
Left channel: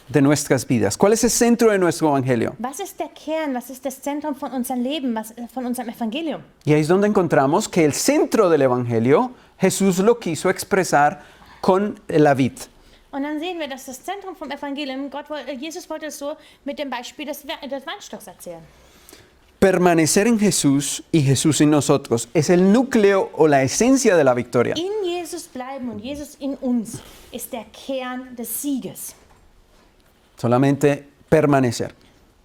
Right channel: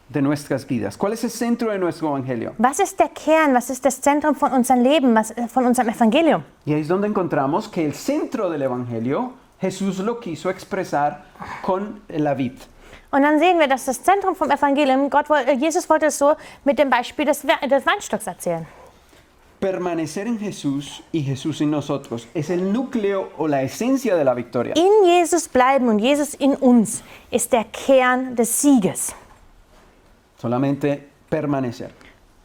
de nuestras vidas? ¿Cuál es el centro de nuestro evangelio? Was ist der Kern? Was ist das Zentrum von unserem Leben, von unserem Evangelium? Y ahí es donde encontramos que el centro del evangelio Jesús lo quiso expresar con la vid. Und dann sehen wir, dass das Zentrum vom Evangelium, Jesus wollte es so mit dem Beispiel des Weinstocks erzählen. Permanecer en Jesús y Jesús en nosotros es el núcleo o la esencia de la victoria. In Jesus bleiben und Jesus in uns ist der Kern des Sieges. Solamente permanecer.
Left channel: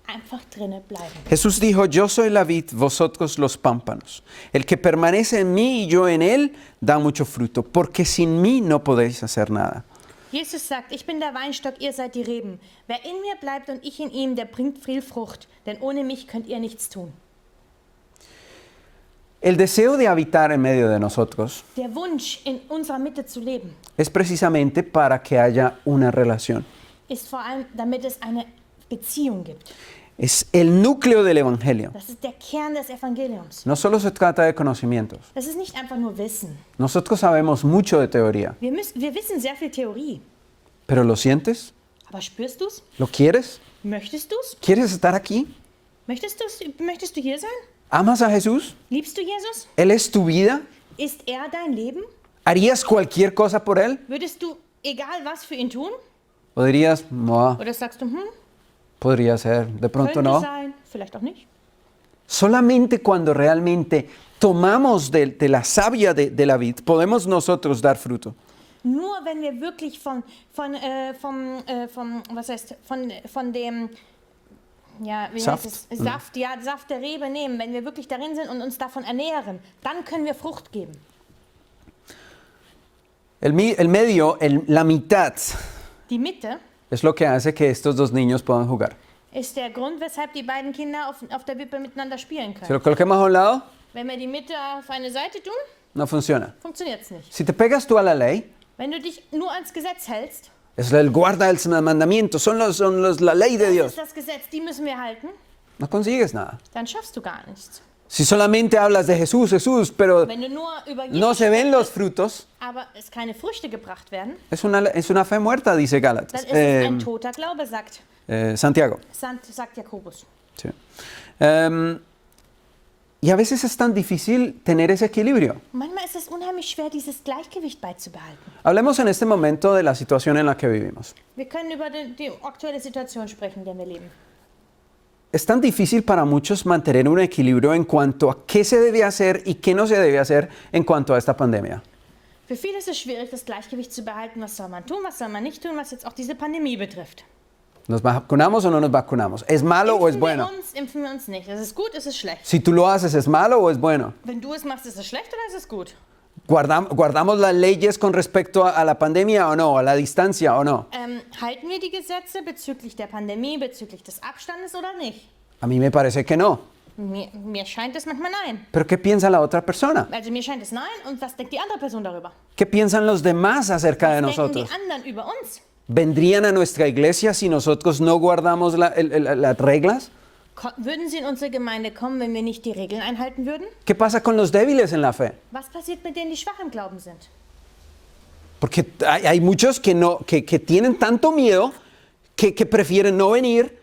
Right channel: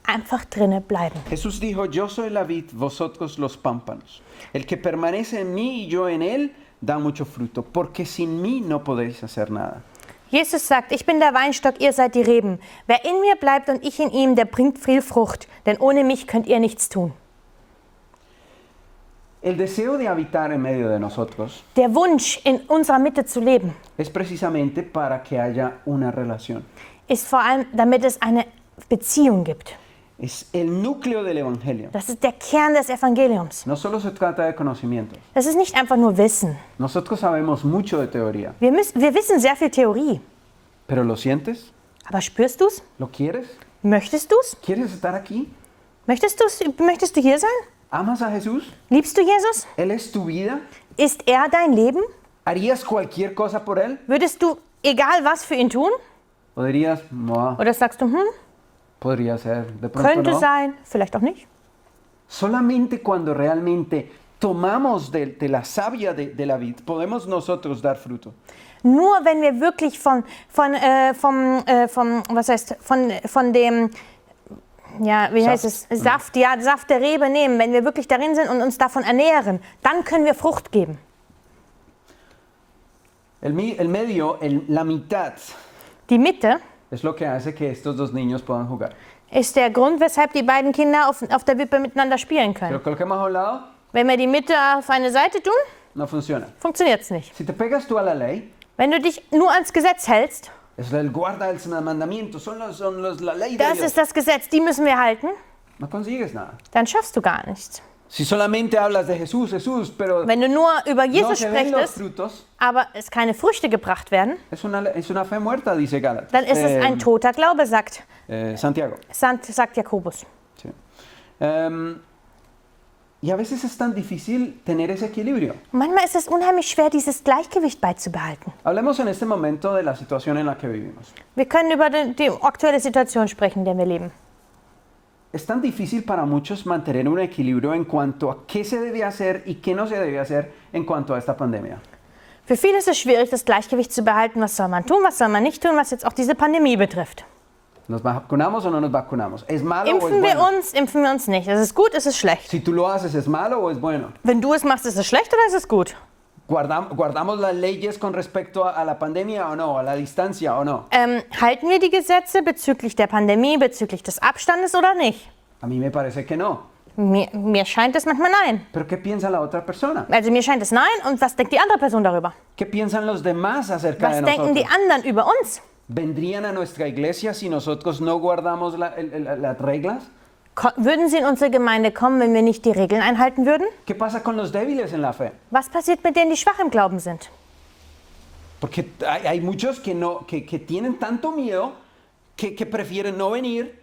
Einfach drinnen bleiben. Jesús dijo, yo soy la vid, vosotros los pámpanos. El que permanece en mí y yo en él, da mucho fruto, porque sin mí no podéis hacer nada. Jesus sagt, ich bin der Weinstock, ihr seid die Reben. Wer in mir bleibt und ich in ihm, der bringt viel Frucht, denn ohne mich könnt ihr nichts tun. El deseo de habitar en medio de nosotros Der Wunsch, in unserer Mitte zu leben, es precisamente para que haya una relación. ist vor allem, damit es eine Beziehung gibt. Es el núcleo del evangelio. Das ist der Kern des Evangeliums. No solo se trata de conocimientos. Das ist nicht einfach nur Wissen. Nosotros sabemos mucho de teoría, Wir wissen sehr viel Theorie. pero ¿lo sientes? Aber spürst du es? ¿Lo quieres? Möchtest du es? ¿Quieres estar aquí? Möchtest du hier sein? ¿Amas a Jesús? Liebst du Jesus? ¿Él es tu vida? Ist er dein Leben? ¿Harías cualquier cosa por Él? Würdest du egal was für ihn tun? ¿O dirías, no, Oder sagst du, podría ser, de pronto könnte no? sein, vielleicht auch nicht? Solamente cuando realmente tomamos de la savia de la vid, podemos nosotros dar fruto. Nur wenn wir wirklich von dem, ja, wie heißt es, Saft der Rebe nehmen, wenn wir wirklich darin sind und uns davon ernähren, dann können wir Frucht geben. El medio, la mitad, Die Mitte es lo que hace que estos dos niños puedan jugar. ist der Grund, weshalb die beiden Kinder auf der Wippe miteinander spielen Si lo können. coloquemos a un lado, Wenn wir die Mitte auf eine Seite tun, no funciona. funktioniert es nicht. Si te pegas tú a la ley, Wenn du dich nur ans Gesetz hältst, es el guarda del mandamiento, la ley de das Dios. ist das Gesetz, die müssen wir halten, No consigues nada. dann schaffst du gar nichts. Si solamente hablas de Jesús, Jesús, pero Wenn du nur über no Jesus se ven los sprichst, frutos, aber es keine Früchte gebracht werden, es una fe muerta, dice Gálatas. dann ist es ein toter Glaube, sagt Santiago. sagt Jakobus. Sí. Y a veces es tan difícil tener ese equilibrio. Manchmal ist es unheimlich schwer, dieses Gleichgewicht beizubehalten. Hablemos en este momento de la situación en la que vivimos. Wir können über die aktuelle Situation sprechen, in der wir leben. Es tan difícil para muchos mantener un equilibrio en cuanto a qué se debe hacer y qué no se debe hacer en cuanto a esta pandemia. Für viele ist es schwierig, das Gleichgewicht zu behalten. Was soll man tun, was soll man nicht tun, was jetzt auch diese Pandemie betrifft. ¿Nos vacunamos o no nos vacunamos? ¿Es malo o es bueno? Impfen wir uns nicht. Es ist gut, es ist schlecht. Si tú lo haces, ¿es malo o es bueno? Wenn du es machst, ist es schlecht oder ist es gut? ¿Guardamos las leyes con respecto a la pandemia o no? ¿A la distancia o no? Halten wir die Gesetze bezüglich der Pandemie, bezüglich des Abstandes oder nicht? A mí me parece que no. Mir scheint es manchmal nein. ¿Pero qué piensa la otra persona? Also mir scheint es nein. Und was denkt die andere Person darüber? ¿Qué piensan los demás acerca Was de denken die nosotros? anderen über uns? ¿Vendrían a nuestra iglesia si nosotros no guardamos las reglas? Würden sie in unsere Gemeinde kommen, wenn wir nicht die Regeln einhalten würden? ¿Qué pasa con los débiles en la fe? Was passiert mit denen, die schwach im Glauben sind? Porque hay muchos que tienen tanto miedo que prefieren no venir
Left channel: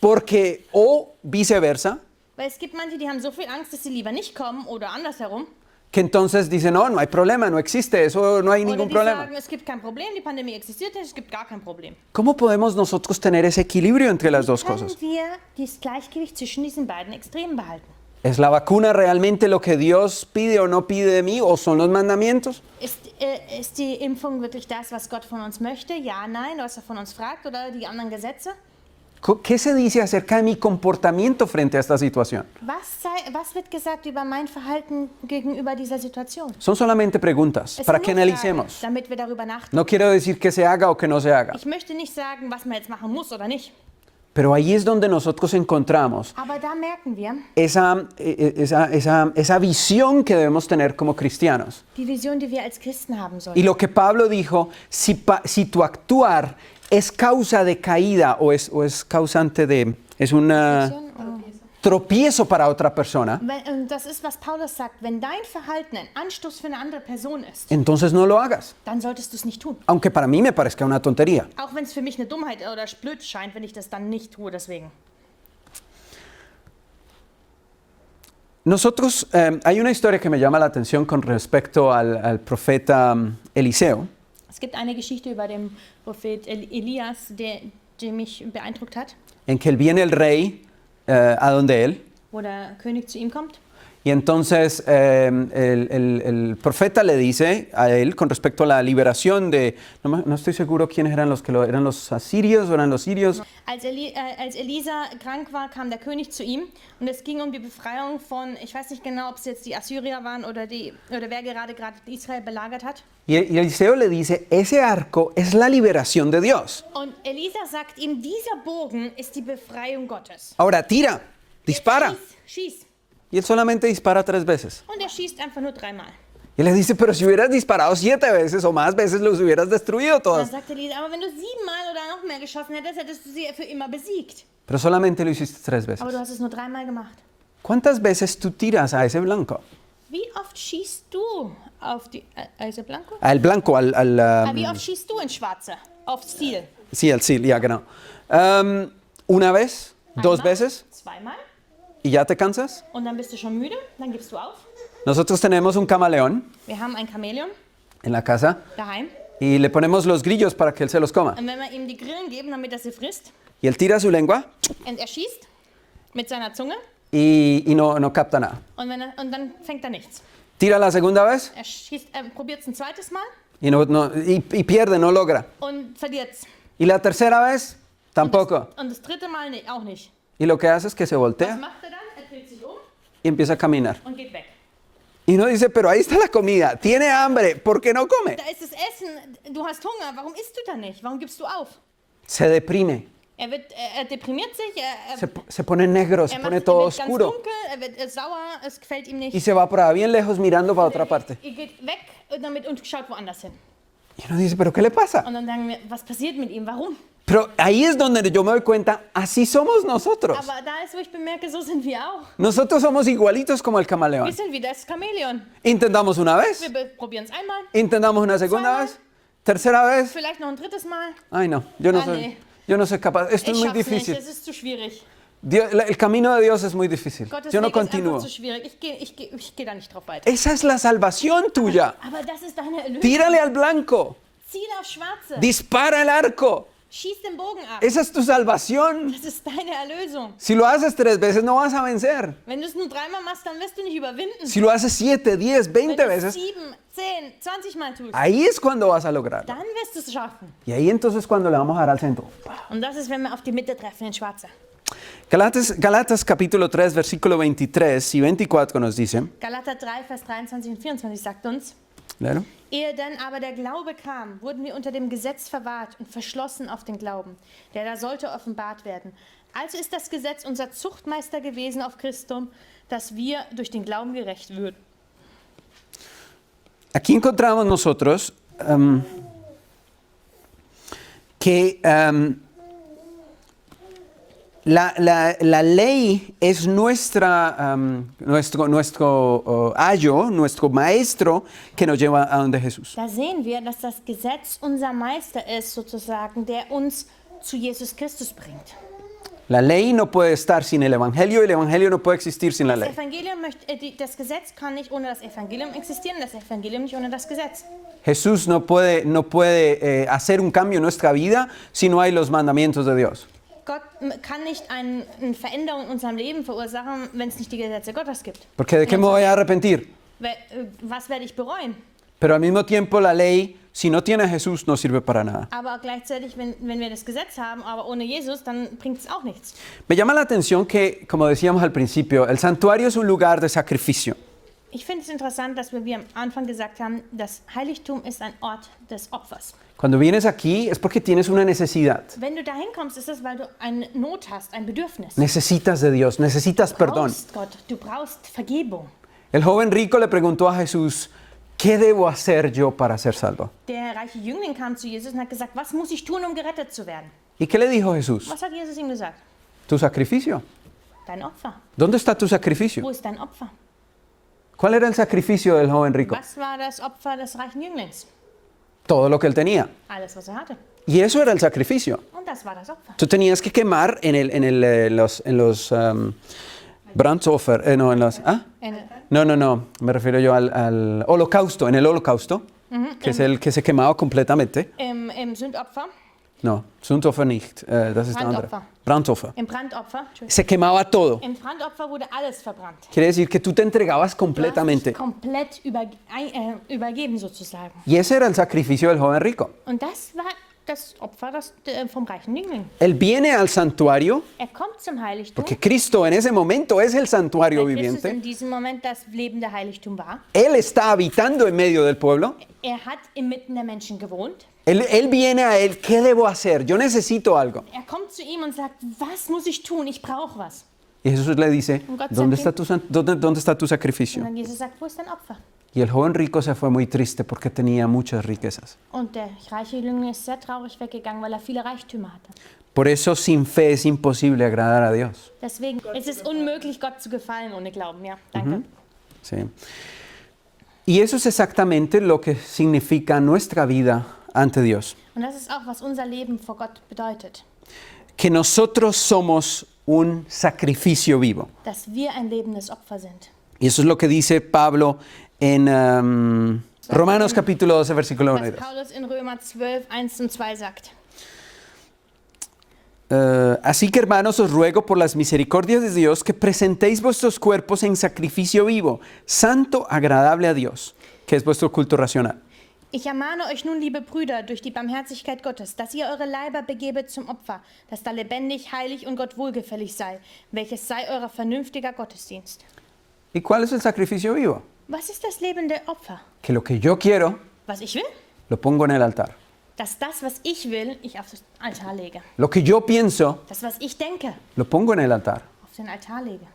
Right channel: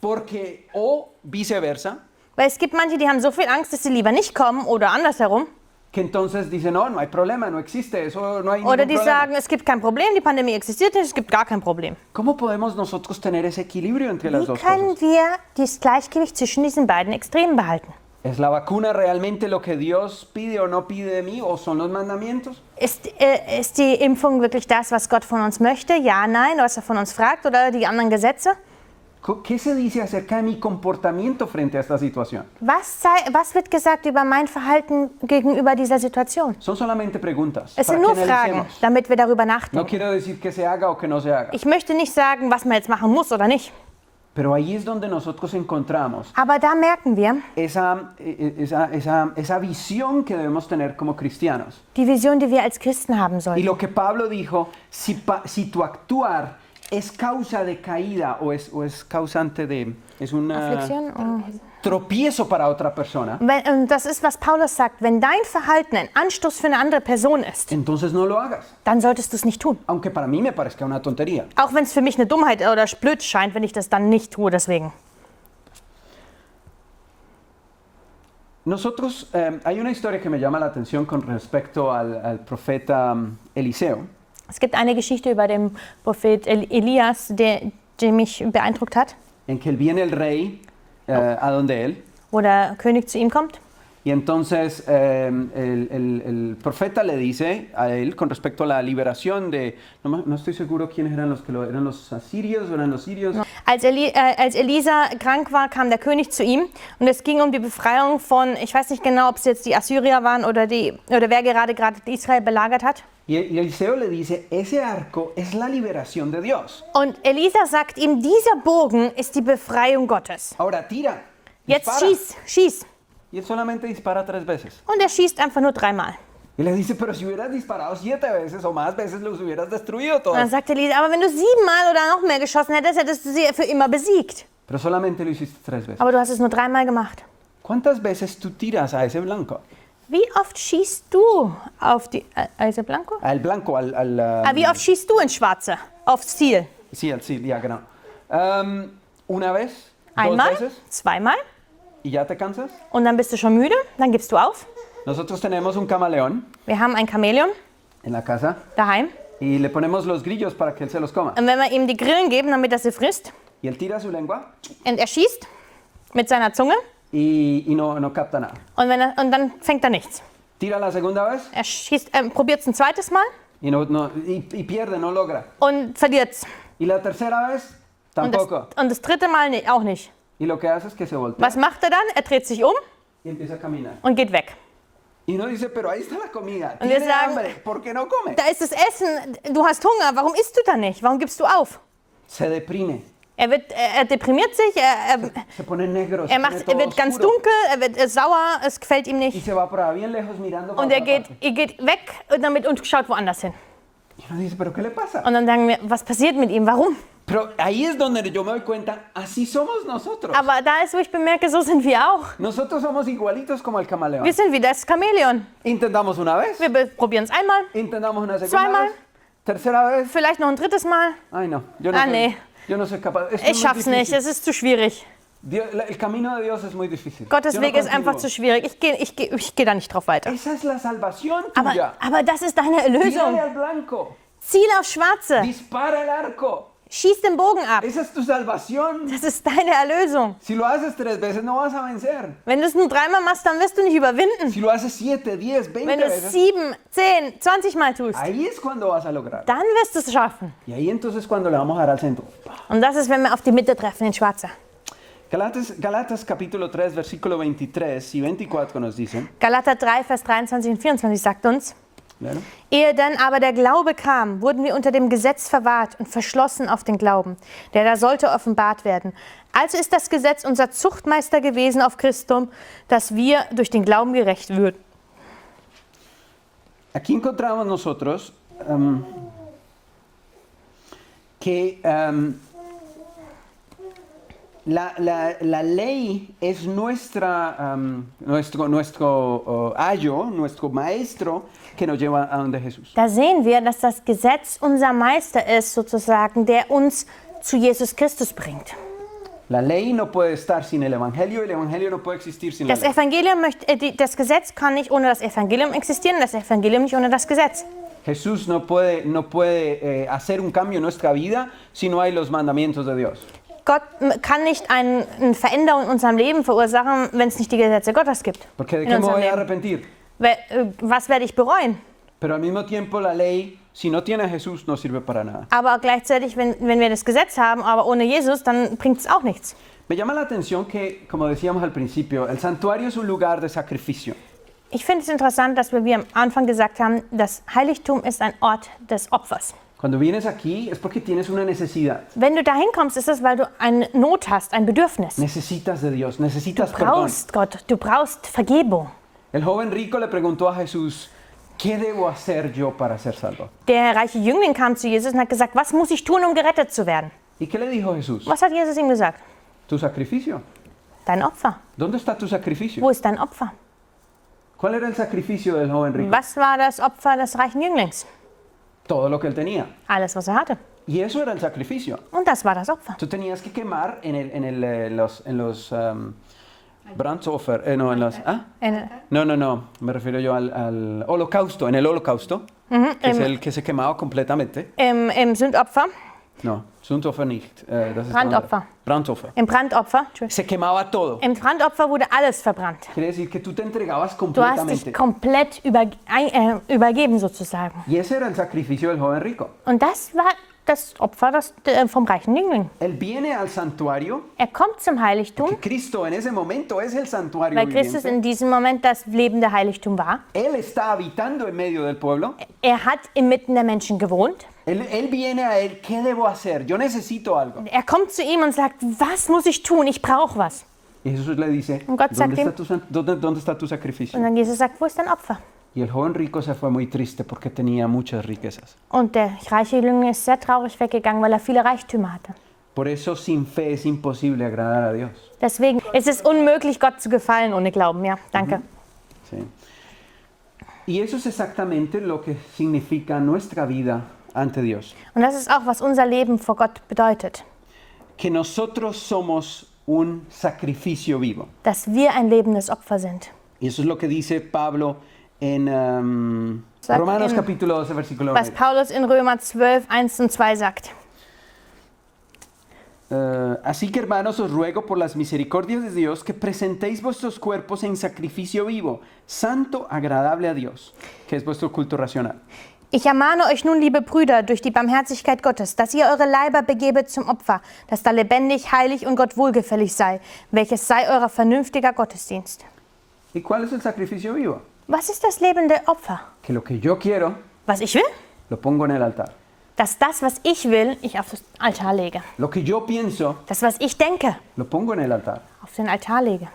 porque, o viceversa, Weil es gibt manche, die haben so viel Angst, dass sie lieber nicht kommen oder andersherum. que entonces dicen, no hay problema, no existe, eso no hay Oder ningún die problema. sagen, es gibt kein Problem, die Pandemie existiert nicht, es gibt gar kein Problem. ¿Cómo podemos nosotros tener ese equilibrio entre las Wie dos können cosas? wir das Gleichgewicht zwischen diesen beiden Extremen behalten? ¿Es la vacuna realmente lo que Dios pide o no pide de mí? ¿O son los mandamientos? Ist die Impfung wirklich das, was Gott von uns möchte? Ja, nein, was er von uns fragt oder die anderen Gesetze? ¿Qué se dice acerca de mi comportamiento frente a esta situación? Was wird gesagt über mein Verhalten gegenüber dieser Situation? Son solamente preguntas Es para sind que nur Fragen, analicemos. damit wir darüber nachdenken. No quiero decir que se haga o que no se haga. Ich möchte nicht sagen, was man jetzt machen muss oder nicht. Pero ahí es donde nosotros encontramos Aber da merken wir esa visión que debemos tener como cristianos. die Vision, die wir als Christen haben Y sollten. lo que Pablo dijo, si tu actuar es causa de caída o es causante de... es un Affliction, oh. tropiezo para otra persona, Und das ist, was Paulus sagt. Wenn dein Verhalten ein Anstoß für eine andere Person ist, entonces no lo hagas. dann solltest du es nicht tun. Aunque para mí me parezca una tontería. Auch wenn es für mich eine Dummheit oder blöd scheint, wenn ich das dann nicht tue, deswegen. Nosotros, hay una historia que me llama la atención con respecto al profeta Eliseo. Es gibt eine Geschichte über den Prophet Elias, die mich beeindruckt hat, En que viene el rey a donde él, wo der König zu ihm kommt. y entonces el profeta le dice a él con respecto a la liberación de, no estoy seguro quiénes eran eran los asirios o eran los sirios. Als Elisa krank war, kam der König zu ihm und es ging um die Befreiung von, ich weiß nicht genau, ob es jetzt die Assyrier waren oder wer gerade Israel belagert hat. Y Eliseo le dice, ese arco es la liberación de Dios. Und Elisa sagt ihm, dieser Bogen ist die Befreiung Gottes. Ahora tira, Jetzt dispara. schieß. Y él solamente dispara 3 veces. Und er schießt einfach nur 3-mal. Y le dice, pero si hubieras disparado 7 veces o más veces, los hubieras destruido Und dann todas. sagt Elisa, aber wenn du 7-mal oder noch mehr geschossen hättest, hättest du sie für immer besiegt. Pero solamente lo hiciste 3 veces. Aber du hast es nur 3-mal gemacht. ¿Cuántas veces tú tiras a ese blanco? Wie oft schießt du auf die also Blanco? Al blanco, Wie oft schießt du ins Schwarze? Aufs Ziel? Sí, al sí, ya, genau. Una vez, 2 Einmal? veces, 2-mal? y ya te cansas. Und dann bist du schon müde? Dann gibst du auf? Nosotros tenemos un camaleón Wir haben ein Chamäleon en la casa daheim. y le ponemos los grillos para que él se los coma. Und wenn wir ihm die Grillen geben, damit er sie frisst, Y él tira su lengua und er schießt mit seiner Zunge y no capta nada. und dann fängt er nichts. Tira la segunda vez Er schießt, probiert es ein zweites Mal y pierde, no logra. und verliert es. Y la tercera vez, tampoco. Und das dritte Mal auch nicht. Y lo que hace es que se Was voltea macht er dann? Er dreht sich um y empieza a caminar. und geht weg. Y uno dice, pero ahí está la comida, tiene sagen- hambre, ¿por qué no come? Da ist das Essen, du hast Hunger, warum isst du dann nicht? Warum gibst du auf? Se deprime, Er deprimiert sich, se pone negro, se pone er todo wird ganz oscuro. dunkel, er wird sauer, es gefällt ihm Y nicht. se va por ahí bien lejos mirando para Und er otra parte. geht weg und schaut woanders hin. Y uno dice, ¿pero qué le pasa? Und dann sagen wir, was passiert mit ihm? Warum? Pero ahí es donde yo me doy cuenta, así somos nosotros. Aber da ist, wo ich bemerke, so sind wir auch. Nosotros somos igualitos como el camaleón. Wir sind wie das Chamäleon. Intentamos una vez, Wir probieren es einmal, intentamos una segunda Zweimal. vez, tercera vez. vielleicht noch ein drittes Mal. Ay, no, yo no, soy, nee. yo no soy capaz. Esto Ich es muy schaff's nicht, difícil. es ist zu schwierig. El camino de Dios es muy difícil. Gottes Yo no Weg ist continúo. einfach zu schwierig. Ich geh da nicht drauf weiter. Esa es la salvación tuya. Aber das ist deine Tírale Erlösung. al blanco, Ziel aufs Schwarze. dispara el arco. Schieß den Bogen ab. Esa es tu salvación. Das ist deine Erlösung. Si lo haces 3 veces no vas a vencer. Wenn du es nur 3-mal machst, dann wirst du nicht überwinden. Si lo haces 7, 10, 20 Wenn du es veces, 7, 10, 20 Mal tust, ahí es cuando vas a lograr. dann wirst du es schaffen. Y ahí entonces cuando le vamos a dar al centro. Und das ist, wenn wir auf die Mitte treffen, in Schwarze. Galatas capítulo 3, versículo 23 y 24 nos dicen, Galater 3, Vers 23 und 24 sagt uns, claro, ehe dann aber der Glaube kam, wurden wir unter dem Gesetz verwahrt und verschlossen auf den Glauben, der da sollte offenbart werden. Also ist das Gesetz unser Zuchtmeister gewesen auf Christum, dass wir durch den Glauben gerecht würden. aquí encontramos nosotros que la ley es nuestro ayo, nuestro maestro que nos lleva a donde Jesús. Da sehen wir, dass das Gesetz unser Meister ist, sozusagen, der uns zu Jesus Christus bringt. La ley no puede estar sin el evangelio y el evangelio no puede existir sin la Das ley. Evangelium das Gesetz kann nicht ohne das Evangelium existieren, das Evangelium nicht ohne das Gesetz. Jesús no puede hacer un cambio en nuestra vida si no hay los mandamientos de Dios. Gott kann nicht eine Veränderung in unserem Leben verursachen, wenn es nicht die Gesetze Gottes gibt. Porque ¿de In qué me unserem voy a Leben. arrepentir? Was werde ich bereuen? Pero al mismo tiempo la ley, si no tiene a Jesús, no sirve para nada. Aber gleichzeitig, wenn wir das Gesetz haben, aber ohne Jesus, dann bringt es auch nichts. Me llama la atención que, como decíamos al principio, el santuario es un lugar de sacrificio. Ich finde es interessant, dass wir, wie am Anfang gesagt haben, das Heiligtum ist ein Ort des Opfers. Cuando vienes aquí es porque tienes una necesidad. Wenn du dahin kommst, ist es, weil du eine Not hast, ein Bedürfnis. Necesitas de Dios, necesitas Du perdón. brauchst Gott, du brauchst Vergebung. El joven rico le preguntó a Jesús, ¿qué debo hacer yo para ser salvo? Der reiche Jüngling kam zu Jesus und hat gesagt, was muss ich tun, um gerettet zu werden? ¿Y qué le dijo Jesús? Was hat Jesus ihm gesagt? Tu sacrificio. Dein Opfer. ¿Dónde está tu sacrificio? Wo ist dein Opfer? ¿Cuál era el sacrificio del joven rico? Was war das Opfer des reichen Jünglings? Todo lo que él tenía. Alles, was er hatte. Y eso era el sacrificio. Und das war das Opfer. Tú tenías que quemar en los Brandopfer, no, en los... ¿ah? No, me refiero yo al holocausto, en el holocausto, que es el que se quemaba completamente. Im Sündopfer, No, Sündopfer nicht. Das ist Brandopfer. Brandopfer. im Brandopfer, Se quemaba todo. im Brandopfer wurde alles verbrannt. Quiere decir que tú te entregabas Du hast completamente. dich komplett übergeben sozusagen. Y ese era el sacrificio del joven rico. Und das war das Opfer vom reichen Jüngling. Él viene al santuario, Er kommt zum Heiligtum, que Cristo en ese momento es el santuario weil Christus viviente. in diesem Moment das lebende Heiligtum war. Él está habitando en medio del pueblo. Er hat inmitten der Menschen gewohnt. Él viene a él, ¿qué debo hacer? Yo necesito algo. Er kommt zu ihm und sagt, was muss ich tun? Ich brauche was. Y Jesús le dice, Und Gott ¿dónde sagt está dónde está tu sacrificio? Und dann Jesus sagt, wo ist dein Opfer? Y el joven rico se fue muy triste porque tenía muchas riquezas. Und der reiche Jüngling ist sehr traurig weggegangen, weil er viele Reichtümer hatte. Por eso sin fe es imposible agradar a Dios. Deswegen ist es unmöglich, Gott zu gefallen ohne Glauben. Ja, danke. Sí. Y eso es exactamente lo que significa nuestra vida ante Dios. Und das ist auch, was unser Leben vor Gott bedeutet. Que nosotros somos un sacrificio vivo. Dass wir ein lebendes Opfer sind. Y eso es lo que dice Pablo en Romanos en- capítulo 12, versículo Was 9. Paulus in Römer 12, 1 und 2 sagt. Así que hermanos, os ruego por las misericordias de Dios que presentéis vuestros cuerpos en sacrificio vivo, santo, agradable a Dios, que es vuestro culto racional. Ich ermahne euch nun, liebe Brüder, durch die Barmherzigkeit Gottes, dass ihr eure Leiber begebet zum Opfer, das da lebendig, heilig und Gott wohlgefällig sei, welches sei euer vernünftiger Gottesdienst. ¿Y cuál es el sacrificio vivo? Was ist das lebende Opfer? Que lo que yo quiero, Was ich will? lo pongo en el altar. Dass das, was ich will, ich auf das Altar lege. Lo que yo pienso, Das, was ich denke, lo pongo en el altar. auf den Altar lege.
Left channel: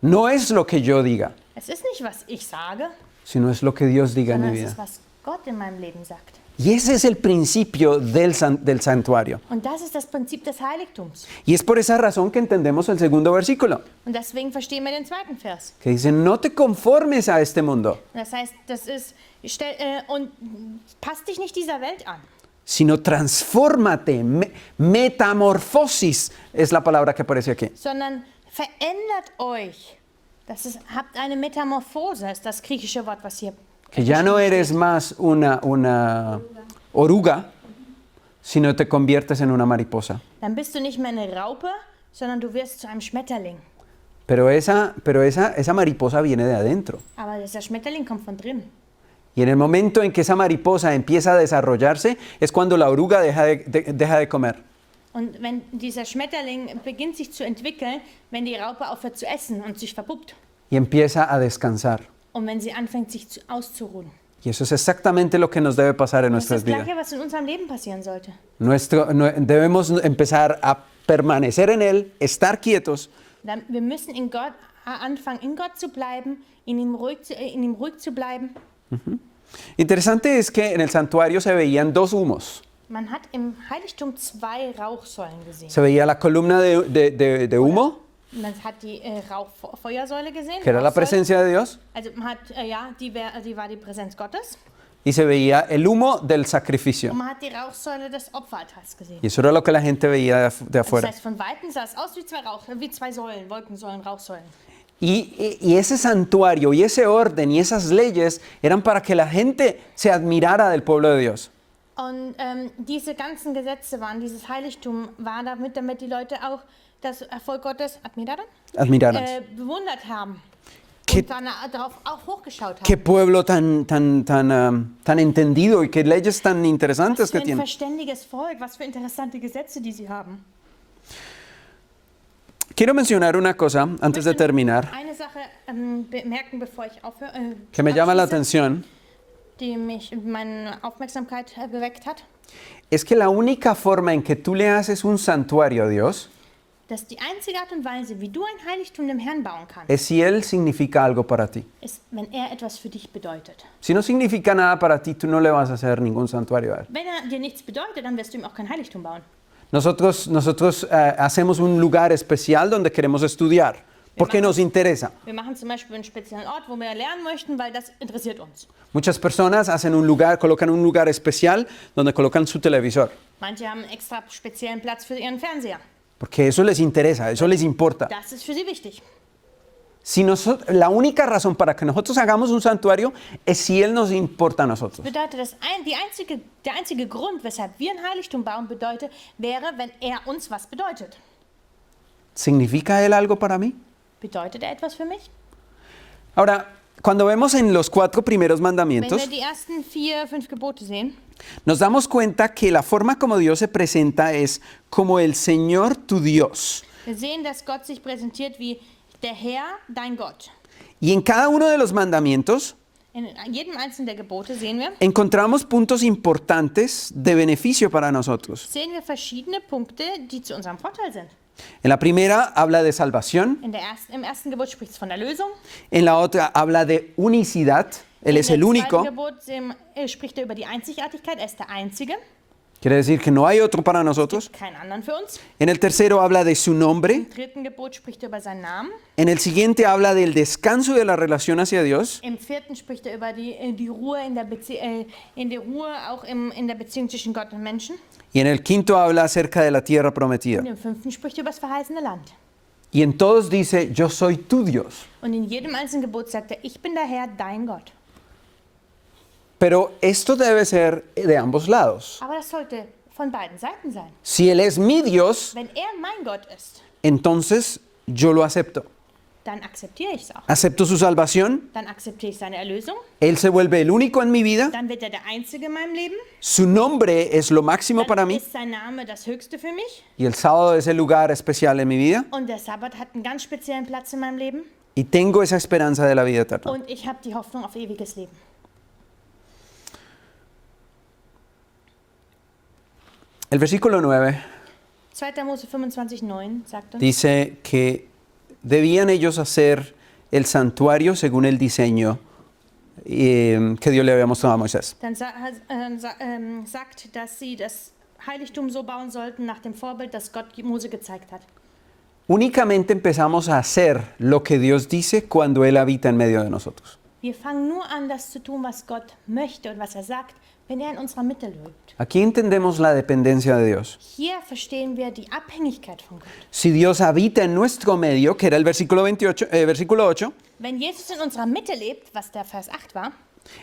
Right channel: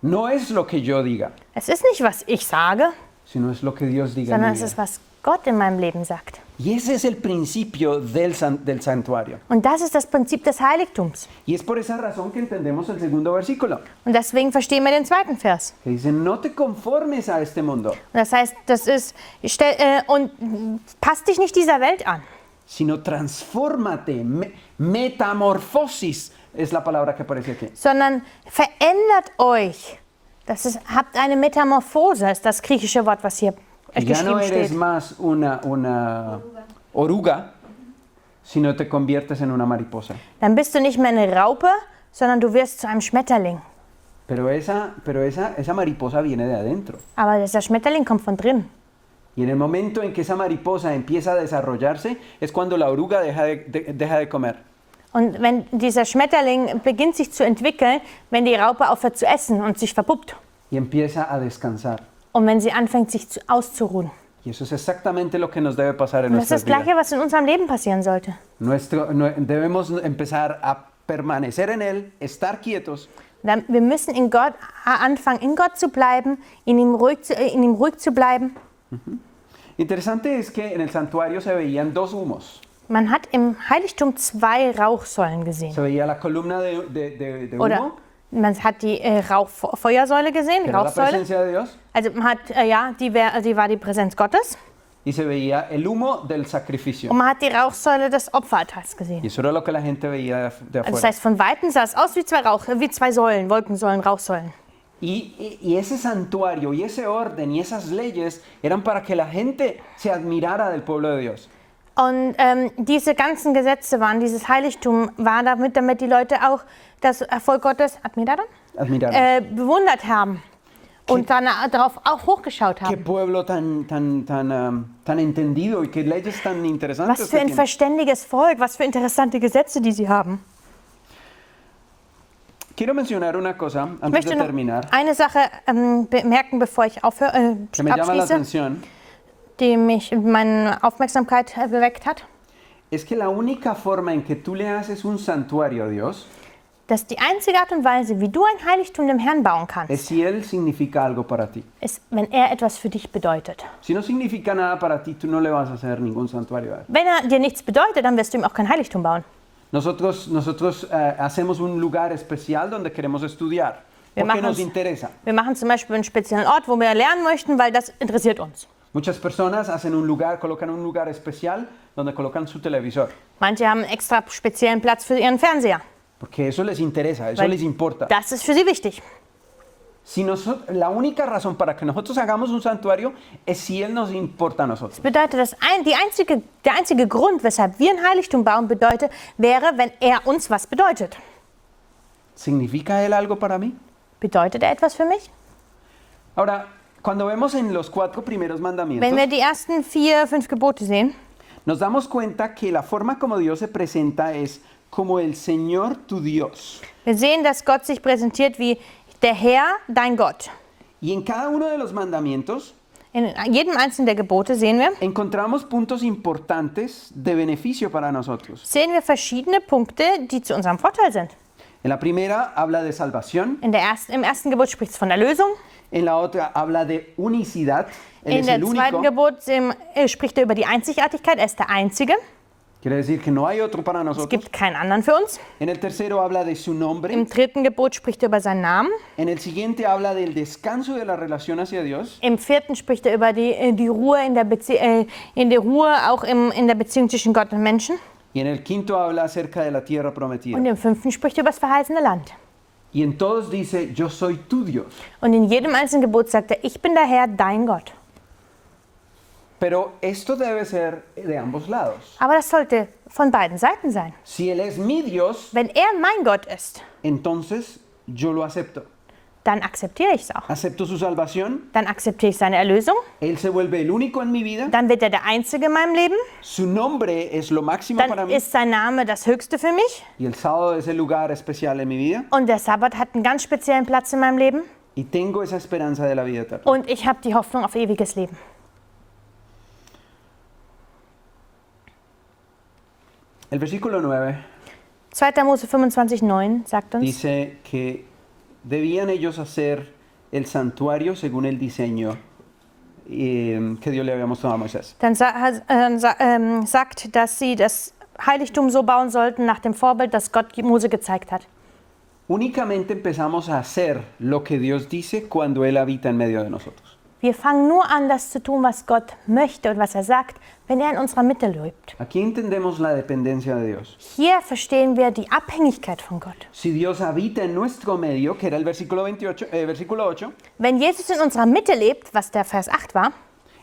No es lo que yo diga, Es ist nicht, was ich sage, sino es lo que Dios diga en sondern mi es vida. ist, was Gott in meinem Leben sagt. Y ese es el principio del santuario. Und das ist das Prinzip des Heiligtums. Y es por esa razón que entendemos el segundo versículo, Und deswegen verstehen wir den zweiten Vers. que dice, no te conformes a este mundo, Und das heißt, das ist, passt dich nicht dieser Welt an, sino transfórmate, metamorfosis es la palabra que aparece aquí. sondern verändert euch. Habt eine Metamorphose, ist das griechische Wort, was hier Que ya no geschrieben eres steht. más una oruga, sino te conviertes en una mariposa. Dann bist du nicht mehr eine Raupe, sondern du wirst zu einem Schmetterling. Pero esa mariposa viene de adentro. Aber dieser Schmetterling kommt von drin. Y en el momento en que esa mariposa empieza a desarrollarse, es cuando la oruga deja de comer. Und wenn dieser Schmetterling beginnt sich zu entwickeln, wenn die Raupe aufhört zu essen und sich verpuppt. Y empieza a descansar. Und wenn sie anfängt, sich auszuruhen. Y eso es exactamente lo que nos debe pasar en Und das ist nuestras das Gleiche, vidas. was in unserem Leben passieren sollte. Debemos empezar a permanecer en Él, estar quietos, Wir müssen anfangen, in Gott zu bleiben, in ihm ruhig zu bleiben. Interesante es que en el santuario se veían dos humos. Man hat im Heiligtum 2 Rauchsäulen gesehen. Se veía la columna de Oder humo, man hat die Rauchfeuersäule gesehen, que era la Rauchsäule. presencia de Dios, Also man hat, die war die Präsenz Gottes. y se veía el humo del sacrificio. Und man hat die Rauchsäule des Opferaltars gesehen. Y eso era lo que la gente veía de Also das afuera. heißt, von Weitem sah es aus wie zwei Säulen, Wolkensäulen, Rauchsäulen. Y ese santuario y ese orden y esas leyes eran para que la gente se admirara del pueblo de Dios. Und diese ganzen Gesetze waren, dieses Heiligtum war damit die Leute auch das Erfolg Gottes Admiraron. Bewundert haben und dann darauf auch hochgeschaut Qué haben. pueblo tan entendido y qué leyes tan interesantes Was für que ein tiene. verständiges Volk, was für interessante Gesetze, die sie haben. Quiero mencionar una cosa Ich antes de möchte noch terminar eine Sache bemerken, bevor ich aufhöre, que me llama la abschließe, atención. die meine Aufmerksamkeit beweckt hat. Es que la única forma en que tú le haces un santuario a Dios Dass die einzige Art und Weise, wie du ein Heiligtum dem Herrn bauen kannst, es si Él significa algo para ti. ist, wenn er etwas für dich bedeutet. Si no significa nada para ti, tú no le vas a hacer ningún santuario a Él. Wenn er dir nichts bedeutet, dann wirst du ihm auch kein Heiligtum bauen. Nosotros hacemos un lugar especial donde queremos estudiar, porque nos interesa. Wir machen zum Beispiel einen speziellen Ort, wo wir lernen möchten, weil das interessiert uns. Muchas personas hacen un lugar, colocan un lugar especial donde colocan su televisor, Manche haben einen extra speziellen Platz für ihren Fernseher. porque eso les interesa, eso Weil les importa. Das ist für sie wichtig. La única razón para que nosotros hagamos un santuario es si Él nos importa a nosotros. Bedeutet der einzige Grund, weshalb wir ein Heiligtum bauen, wäre, wenn er uns was bedeutet. ¿Significa Él algo para mí? Bedeutet er etwas für mich? Ahora, cuando vemos en los 4 primeros mandamientos, Wenn wir die ersten 4, 5 Gebote sehen, nos damos cuenta que la forma como Dios se presenta es como el Señor tu Dios. wir sehen, dass Gott sich präsentiert wie der Herr, dein Gott. Y en cada uno de los mandamientos In jedem einzelnen der Gebote sehen encontramos puntos importantes de beneficio para nosotros. wir verschiedene Punkte, die zu unserem Vorteil sind. En la primera habla de salvación, Im ersten Gebot spricht es von Erlösung. en la otra habla de unicidad, Él In es der el zweiten único, Gebot spricht er über die Einzigartigkeit, er ist der Einzige. quiere decir que no hay otro para Es nosotros. gibt keinen anderen für uns. En el tercero habla de su nombre, Im dritten Gebot spricht er über seinen Namen. en el siguiente habla del descanso de la relación hacia Dios, Im vierten spricht er über die Ruhe in der Ruhe auch in der Beziehung zwischen Gott und Menschen. y en el quinto habla acerca de la tierra prometida. Und im fünften spricht er über das verheißene Land. Y en todos dice, yo soy tu Dios. Und in jedem einzelnen Gebot sagt er, ich bin der Herr, dein Gott. Pero esto debe ser de ambos lados. Aber das sollte von beiden Seiten sein. Si Él es mi Dios, Wenn er mein Gott ist, entonces yo lo acepto. dann akzeptiere ich es auch. Acepto su salvación, Dann akzeptiere ich seine Erlösung. Él se vuelve el único en mi vida, Dann wird er der Einzige in meinem Leben. su nombre es lo máximo para Dann mí ist sein Name das Höchste für mich. y el sábado es el lugar especial en mi vida Und der Sabbat hat einen ganz speziellen Platz in meinem Leben. y tengo esa esperanza de la vida eterna. Und ich habe die Hoffnung auf ewiges Leben. El versículo 9 2. Mose 25,9 sagt uns, dice que debían ellos hacer el santuario según el diseño que Dios le había mostrado a Moisés. dann sagt, dass sie das Heiligtum so bauen sollten nach dem Vorbild, das Gott Mose gezeigt hat. Únicamente empezamos a hacer lo que Dios dice cuando Él habita en medio de nosotros. Wir fangen nur an, das zu tun, was Gott möchte und was er sagt, wenn er in unserer Mitte lebt. Aquí entendemos la dependencia de Dios. Hier verstehen wir die Abhängigkeit von Gott. Si Dios habita en nuestro medio, que era el versículo 8, Wenn Jesus in unserer Mitte lebt, was der Vers 8 war,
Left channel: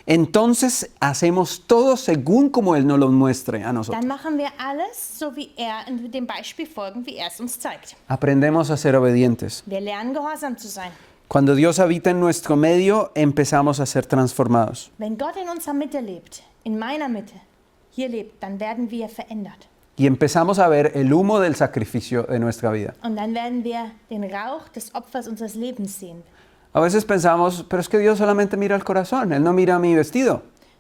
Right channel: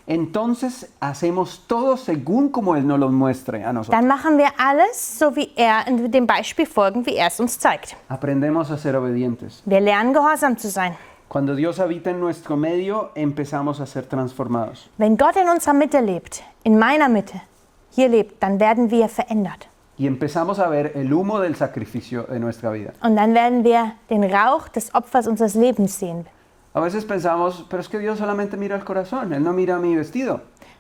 entonces hacemos todo según como Él nos lo muestre a nosotros. dann machen wir alles, so wie er in dem Beispiel folgen, wie er es uns zeigt. Aprendemos a ser obedientes. Wir lernen, gehorsam zu sein. Cuando Dios habita en nuestro medio, empezamos a ser transformados. Wenn Gott in unserer Mitte lebt, in meiner Mitte, hier lebt, dann werden wir verändert. Y empezamos a ver el humo del sacrificio de nuestra vida. Und dann werden wir den Rauch des Opfers unseres Lebens sehen. A veces pensamos, pero es que Dios solamente mira el corazón, Él no mira mi vestido.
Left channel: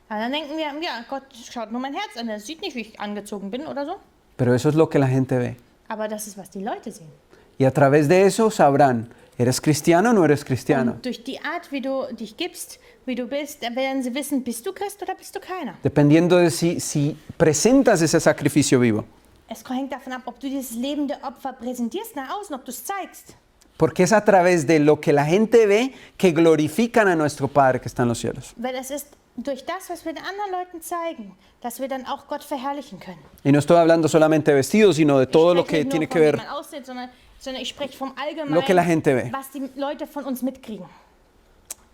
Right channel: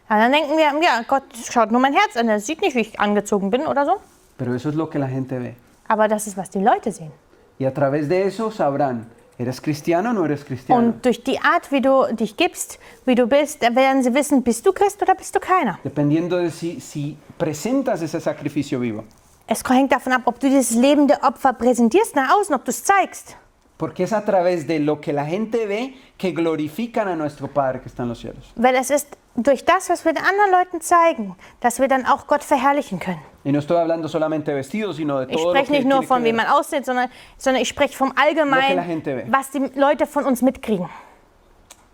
Und dann denken wir, ja, Gott schaut nur mein Herz an, er sieht nicht, wie ich angezogen bin oder so. Pero eso es lo que la gente ve. Aber das ist, was die Leute sehen. Y a través de eso sabrán, ¿eres cristiano o no eres cristiano? Und durch die Art, wie du dich gibst, wie du bist, werden sie wissen, bist du Christ oder bist du keiner. Dependiendo de si presentas ese sacrificio vivo. Es hängt davon ab, ob du dieses lebende Opfer präsentierst nach außen, ob du es zeigst. Porque es a través de lo que la gente ve que glorifican a nuestro Padre que está en los cielos. Weil es ist durch das, was wir den anderen Leuten zeigen, dass wir dann auch Gott verherrlichen können. Y no estoy hablando solamente de vestidos, sino de Ich todo lo spreche que nicht nur tiene que von, wie ver. man aussieht, sondern ich spreche vom Lo que la Allgemeinen, gente ve. was die Leute von uns mitkriegen.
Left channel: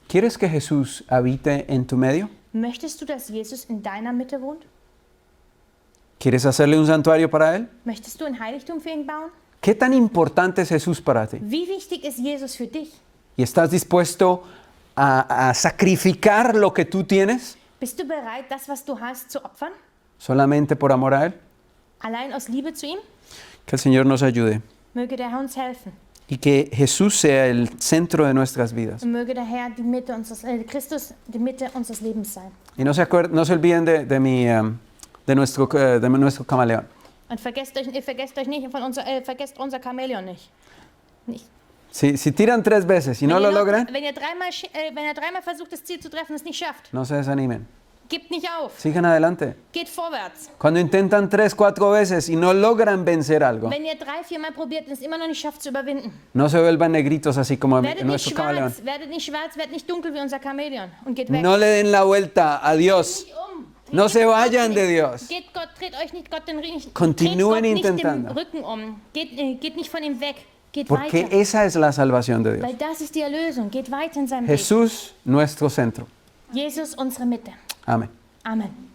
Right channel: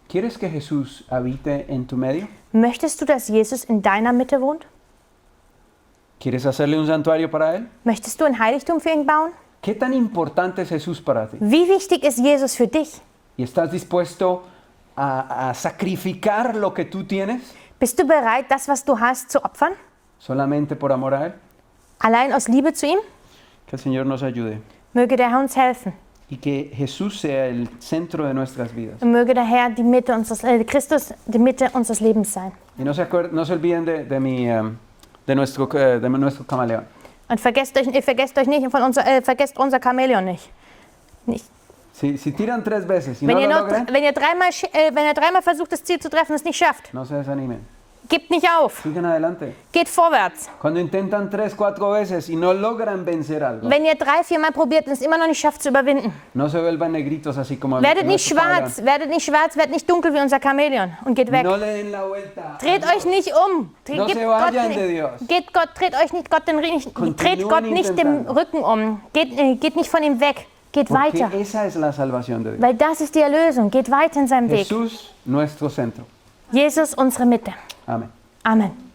¿Quieres que Jesús habite en tu medio? Möchtest du, dass Jesus in deiner Mitte wohnt? ¿Quieres hacerle un santuario para Él? Möchtest du ein Heiligtum für ihn bauen? ¿Qué tan importante es Jesús para ti? Wie wichtig ist Jesus für dich? ¿Y estás dispuesto a sacrificar lo que tú tienes Bist du bereit, das, was du hast, zu opfern? solamente por amor a Él? Allein aus Liebe zu ihm? Que el Señor nos ayude Möge der Herr uns helfen. y que Jesús sea el centro de nuestras vidas. Und möge der Herr die Mitte Christus die Mitte unseres Lebens sein. Y no se olviden de nuestro camaleón. Und vergesst unser Chamäleon nicht. Si tiran 3 veces y no lo logran, Wenn ihr dreimal versucht, das Ziel zu treffen und es nicht schafft, no se desanimen. gebt nicht auf. Sigan adelante. Geht vorwärts. Cuando intentan 3, 4 veces y no logran vencer algo, Wenn ihr 3, 4 Mal probiert und es immer noch nicht schafft zu überwinden, no se vuelvan negritos así como werdet nicht nuestro camaleón. schwarz, werdet nicht dunkel wie unser Chamäleon und geht weg. No le den la vuelta a Dreht Dios. euch nicht um. No se vayan de Dios. Dreht euch nicht Gott Continúen nicht den intentando. Rücken um. Geht nicht von ihm weg. Geht Porque weiter. esa es la salvación de Dios. Weil das ist die Erlösung. Geht weiter in seinem Weg. Jesús, nuestro centro. Jesus, unsere Mitte. Amén. Amen.